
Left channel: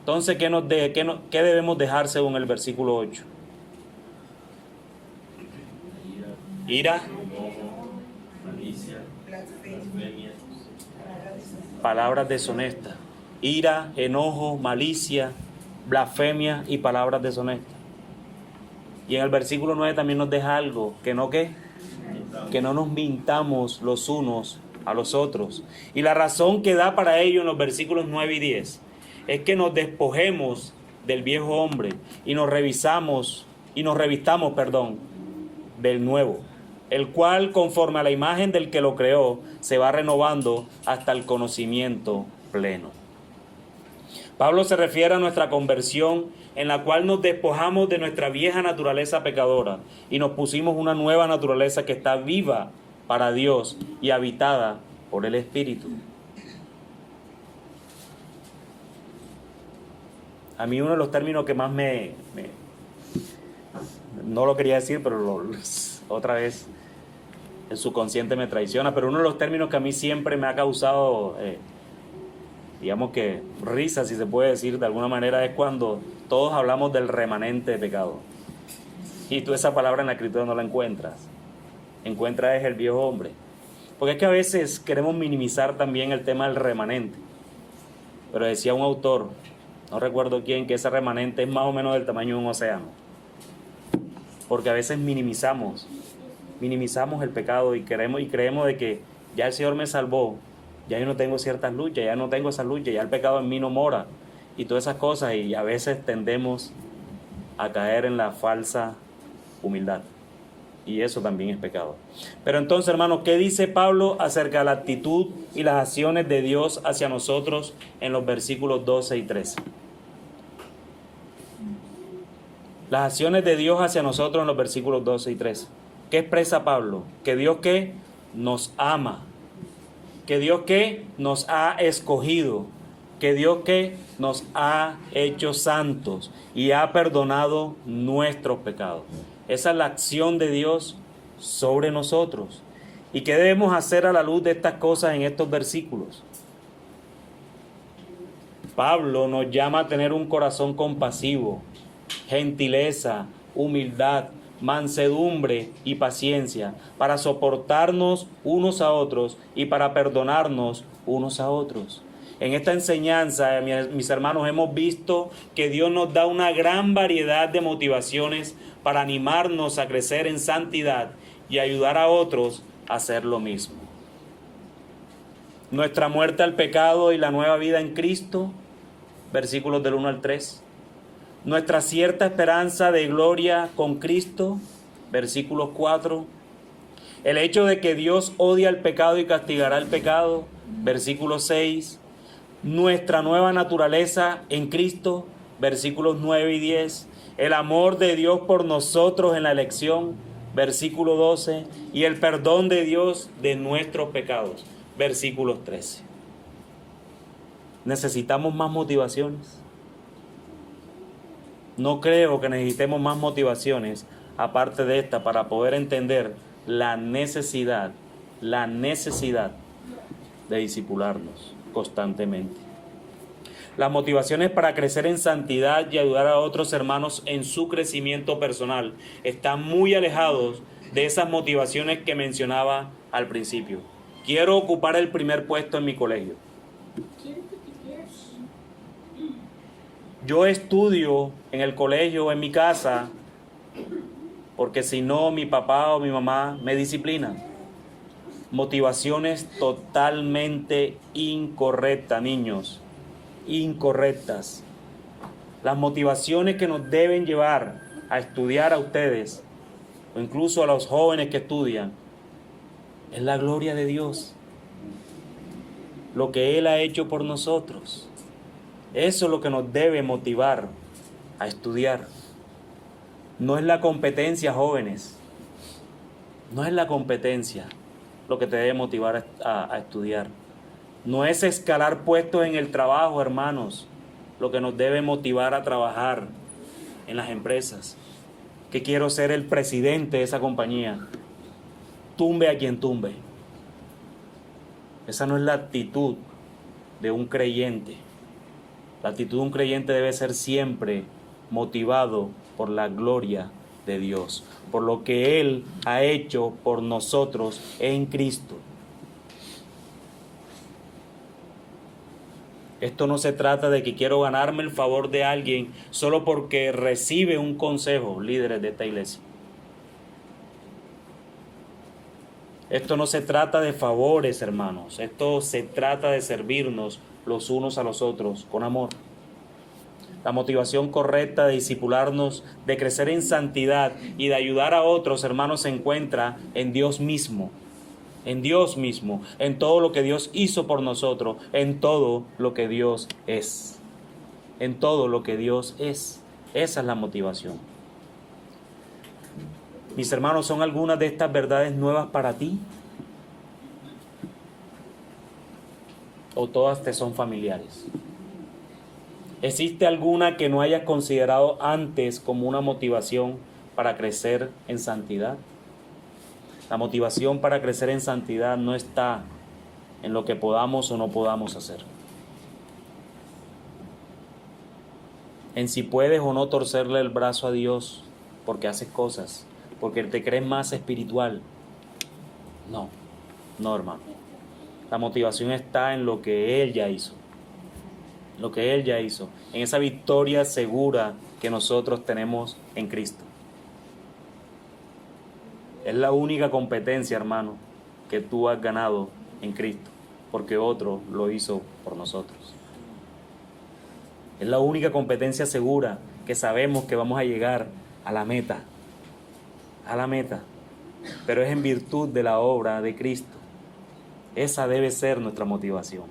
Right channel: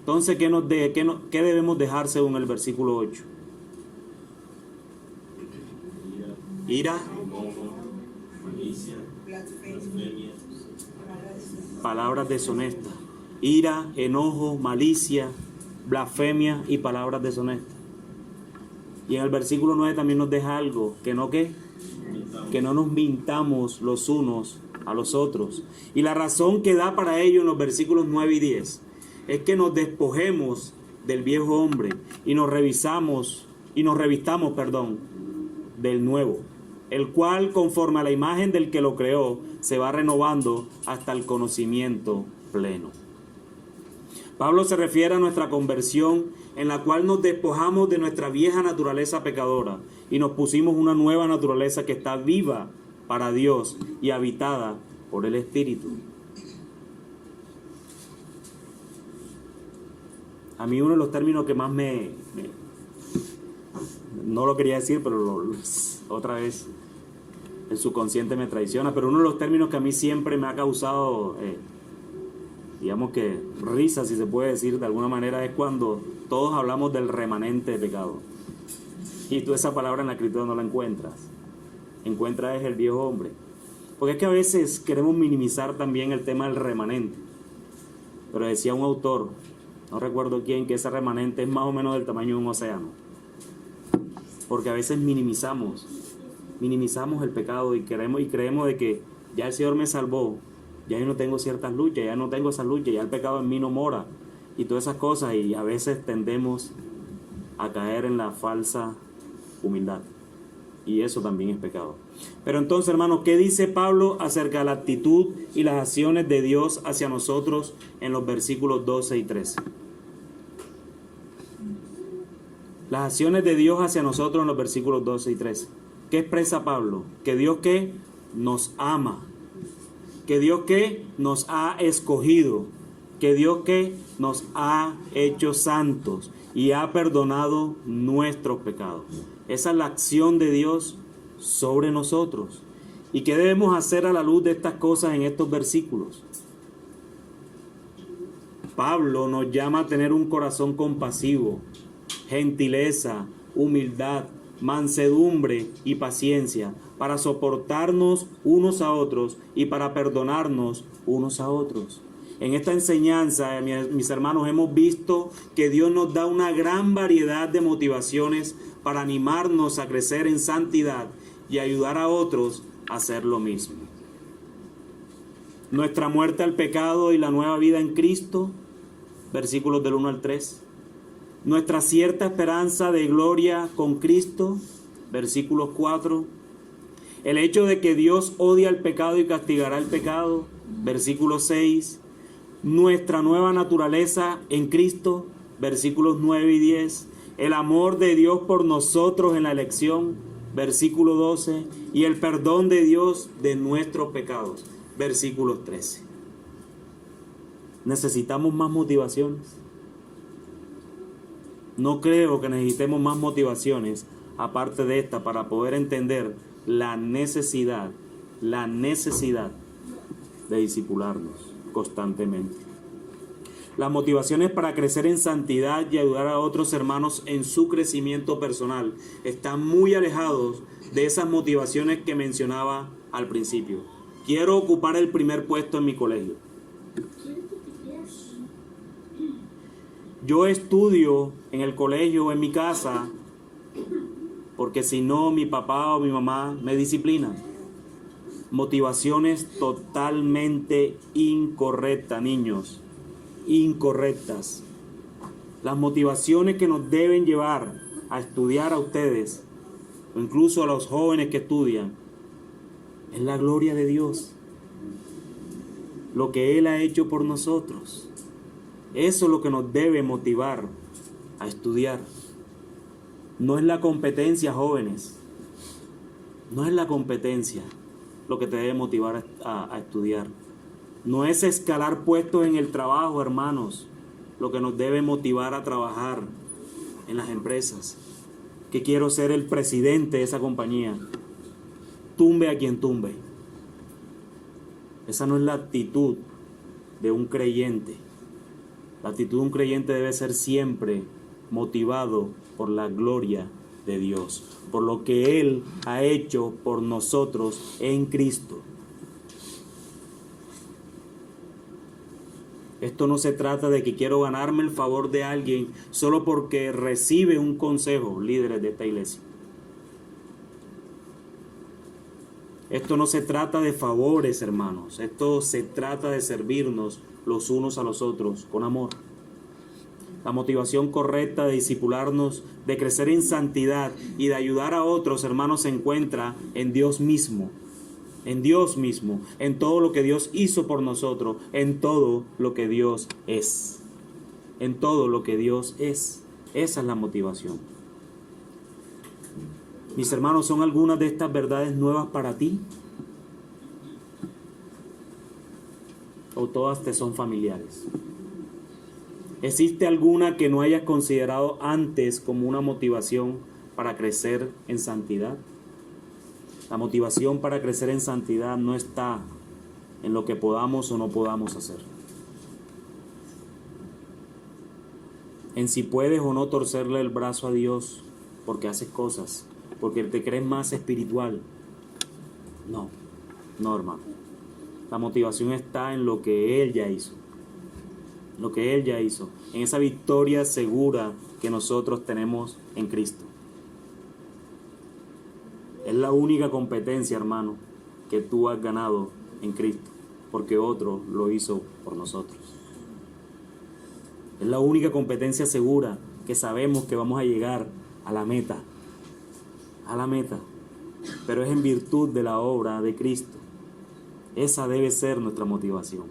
Entonces, ¿qué debemos dejar según el versículo 8? ira, malicia, blasfemia. palabras deshonestas. Ira, enojo, malicia, blasfemia y palabras deshonestas. Y en el versículo 9 también nos deja algo, que no que no nos mintamos los unos a los otros. Y la razón que da para ello en los versículos 9 y 10 es que nos despojemos del viejo hombre y nos revistamos, del nuevo, el cual conforme a la imagen del que lo creó se va renovando hasta el conocimiento pleno. Pablo se refiere a nuestra conversión, en la cual nos despojamos de nuestra vieja naturaleza pecadora y nos pusimos una nueva naturaleza que está viva para Dios y habitada por el Espíritu. A mí uno de los términos que más no lo quería decir, pero otra vez el subconsciente me traiciona, pero uno de los términos que a mí siempre me ha causado digamos que risa, si se puede decir de alguna manera, es cuando todos hablamos del remanente de pecado. Y tú esa palabra en la escritura no la encuentras. Encuentras el viejo hombre. Porque es que a veces queremos minimizar también el tema del remanente. Pero decía un autor, no recuerdo quién, que ese remanente es más o menos del tamaño de un océano. Porque a veces minimizamos el pecado y creemos de que ya el Señor me salvó. Ya yo no tengo ciertas luchas, ya no tengo esas luchas, ya el pecado en mí no mora y todas esas cosas, y a veces tendemos a caer en la falsa humildad y eso también es pecado. Pero entonces, hermanos, ¿qué dice Pablo acerca de la actitud y las acciones de Dios hacia nosotros en los versículos 12 y 13? Las acciones de Dios hacia nosotros en los versículos 12 y 13. ¿Qué expresa Pablo? Que Dios que nos ama, que Dios que nos ha escogido, que Dios que nos ha hecho santos y ha perdonado nuestros pecados. Esa es la acción de Dios sobre nosotros. ¿Y qué debemos hacer a la luz de estas cosas en estos versículos? Pablo nos llama a tener un corazón compasivo, gentileza, humildad, mansedumbre y paciencia, para soportarnos unos a otros y para perdonarnos unos a otros. En esta enseñanza, mis hermanos, hemos visto que Dios nos da una gran variedad de motivaciones para animarnos a crecer en santidad y ayudar a otros a hacer lo mismo. Nuestra muerte al pecado y la nueva vida en Cristo, versículos del 1 al 3. Nuestra cierta esperanza de gloria con Cristo, versículos 4. El hecho de que Dios odia el pecado y castigará el pecado, versículo 6. Nuestra nueva naturaleza en Cristo, versículos 9 y 10. El amor de Dios por nosotros en la elección, versículo 12. Y el perdón de Dios de nuestros pecados, versículos 13. ¿Necesitamos más motivaciones? No creo que necesitemos más motivaciones aparte de esta para poder entender la necesidad de discipularnos constantemente. Las motivaciones para crecer en santidad y ayudar a otros hermanos en su crecimiento personal están muy alejados de esas motivaciones que mencionaba al principio. Quiero ocupar el primer puesto en mi colegio. Yo estudio en el colegio, en mi casa, porque si no, mi papá o mi mamá me disciplinan. Motivaciones totalmente incorrectas, niños, incorrectas. Las motivaciones que nos deben llevar a estudiar a ustedes, o incluso a los jóvenes que estudian, es la gloria de Dios, lo que Él ha hecho por nosotros. Eso es lo que nos debe motivar a estudiar. No es la competencia, jóvenes. No es la competencia lo que te debe motivar a estudiar. No es escalar puestos en el trabajo, hermanos, lo que nos debe motivar a trabajar en las empresas. Que quiero ser el presidente de esa compañía. Tumbe a quien tumbe. Esa no es la actitud de un creyente. La actitud de un creyente debe ser siempre motivado por la gloria de Dios, por lo que Él ha hecho por nosotros en Cristo. Esto no se trata de que quiero ganarme el favor de alguien solo porque recibe un consejo, líderes de esta iglesia. Esto no se trata de favores, hermanos. Esto se trata de servirnos los unos a los otros con amor. La motivación correcta de discipularnos, de crecer en santidad y de ayudar a otros, hermanos, se encuentra en Dios mismo. En Dios mismo, en todo lo que Dios hizo por nosotros, en todo lo que Dios es. En todo lo que Dios es. Esa es la motivación. Mis hermanos, ¿son algunas de estas verdades nuevas para ti? ¿O todas te son familiares? ¿Existe alguna que no hayas considerado antes como una motivación para crecer en santidad? La motivación para crecer en santidad no está en lo que podamos o no podamos hacer, en si puedes o no torcerle el brazo a Dios porque haces cosas, porque te crees más espiritual. No, hermano. La motivación está en lo que Él ya hizo. Lo que Él ya hizo. En esa victoria segura que nosotros tenemos en Cristo. Es la única competencia, hermano, que tú has ganado en Cristo, porque otro lo hizo por nosotros. Es la única competencia segura que sabemos que vamos a llegar a la meta, pero es en virtud de la obra de Cristo. Esa debe ser nuestra motivación,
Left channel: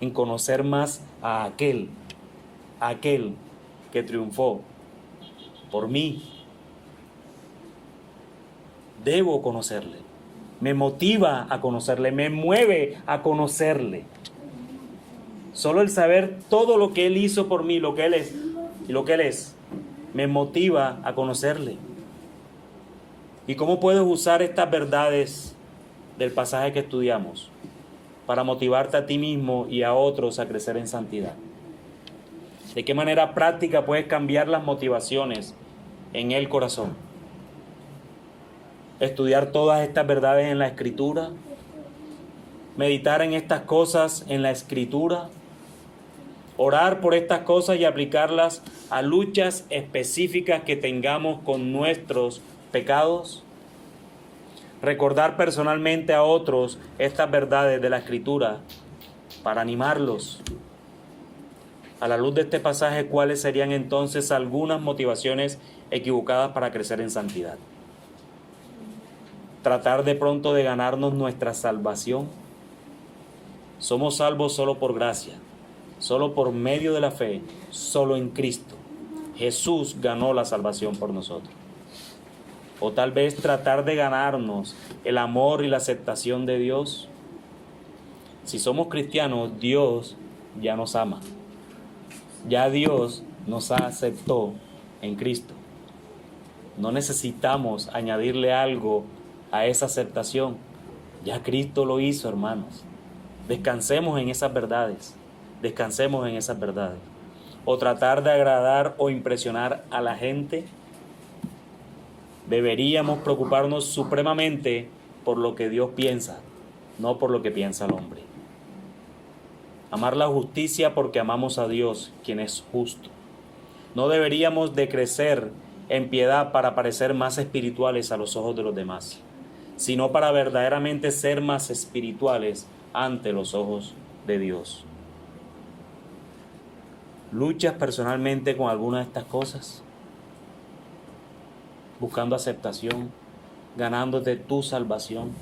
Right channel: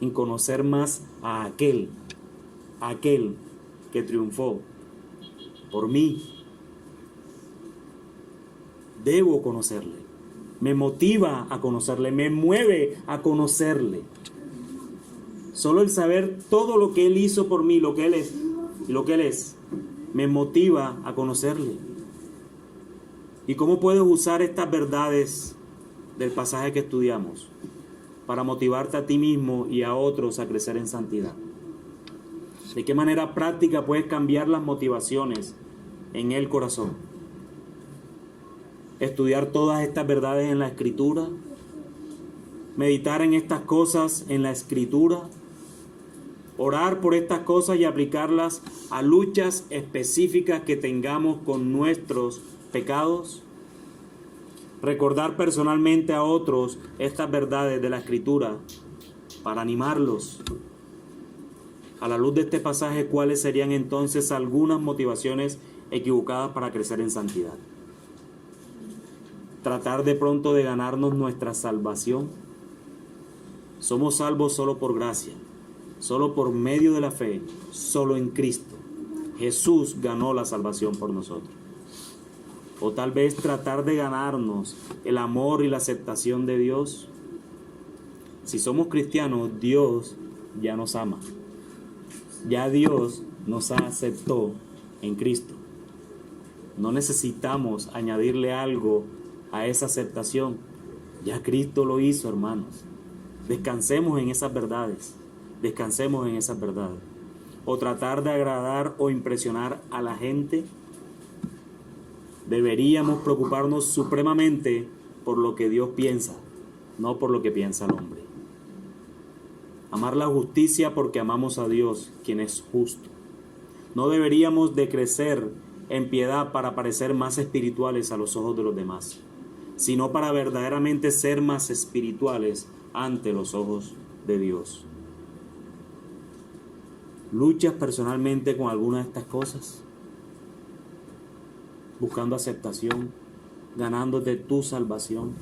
en conocer más a aquel que triunfó por mí. Debo conocerle, me motiva a conocerle, me mueve a conocerle. Solo el saber todo lo que Él hizo por mí, lo que Él es y lo que Él es, me motiva a conocerle. ¿Y cómo puedes usar estas verdades del pasaje que estudiamos para motivarte a ti mismo y a otros a crecer en santidad? ¿De qué manera práctica puedes cambiar las motivaciones en el corazón? Estudiar todas estas verdades en la Escritura, meditar en estas cosas en la Escritura, orar por estas cosas y aplicarlas a luchas específicas que tengamos con nuestros pecados, recordar personalmente a otros estas verdades de la Escritura para animarlos. A la luz de este pasaje, ¿cuáles serían entonces algunas motivaciones equivocadas para crecer en santidad? Tratar de pronto de ganarnos nuestra salvación. Somos salvos solo por gracia, solo por medio de la fe, solo en Cristo. Jesús ganó la salvación por nosotros. O tal vez tratar de ganarnos el amor y la aceptación de Dios. Si somos cristianos, Dios ya nos ama. Ya Dios nos aceptó en Cristo. No necesitamos añadirle algo a esa aceptación. Ya Cristo lo hizo, hermanos. Descansemos en esas verdades. Descansemos en esas verdades. O tratar de agradar o impresionar a la gente. Deberíamos preocuparnos supremamente por lo que Dios piensa, no por lo que piensa el hombre. Amar la justicia porque amamos a Dios, quien es justo. No deberíamos de crecer en piedad para parecer más espirituales a los ojos de los demás, sino para verdaderamente ser más espirituales ante los ojos de Dios. ¿Luchas personalmente con alguna de estas cosas? Buscando aceptación, ganándote tu salvación.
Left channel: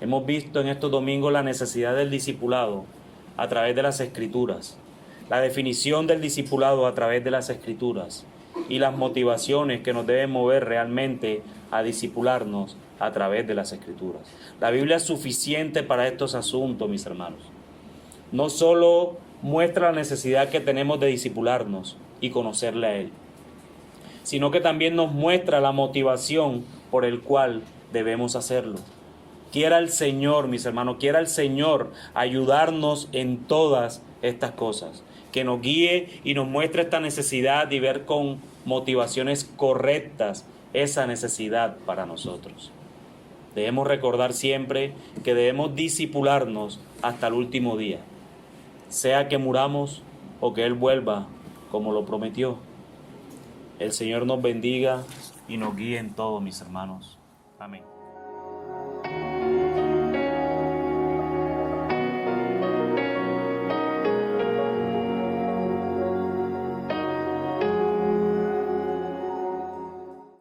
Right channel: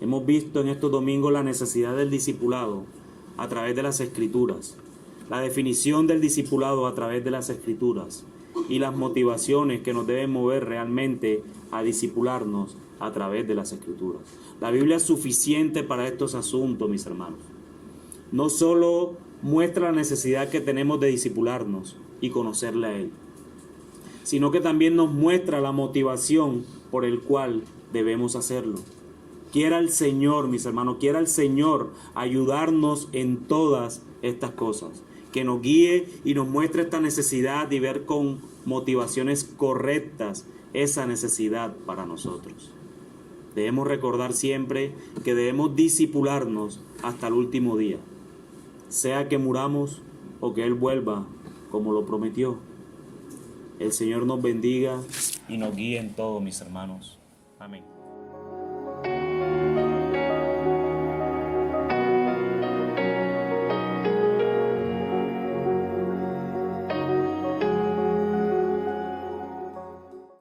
Hemos visto en estos domingos la necesidad del discipulado a través de las Escrituras, la definición del discipulado a través de las Escrituras y las motivaciones que nos deben mover realmente a discipularnos a través de las Escrituras. La Biblia es suficiente para estos asuntos, mis hermanos. No solo muestra la necesidad que tenemos de discipularnos y conocerle a Él, sino que también nos muestra la motivación por el cual debemos hacerlo. Quiera el Señor, mis hermanos, quiera el Señor ayudarnos en todas estas cosas, que nos guíe y nos muestre esta necesidad y ver con motivaciones correctas esa necesidad para nosotros. Debemos recordar siempre que debemos discipularnos hasta el último día, sea que muramos o que Él vuelva como lo prometió. El Señor nos bendiga y nos guíe en todo, mis hermanos. Amén.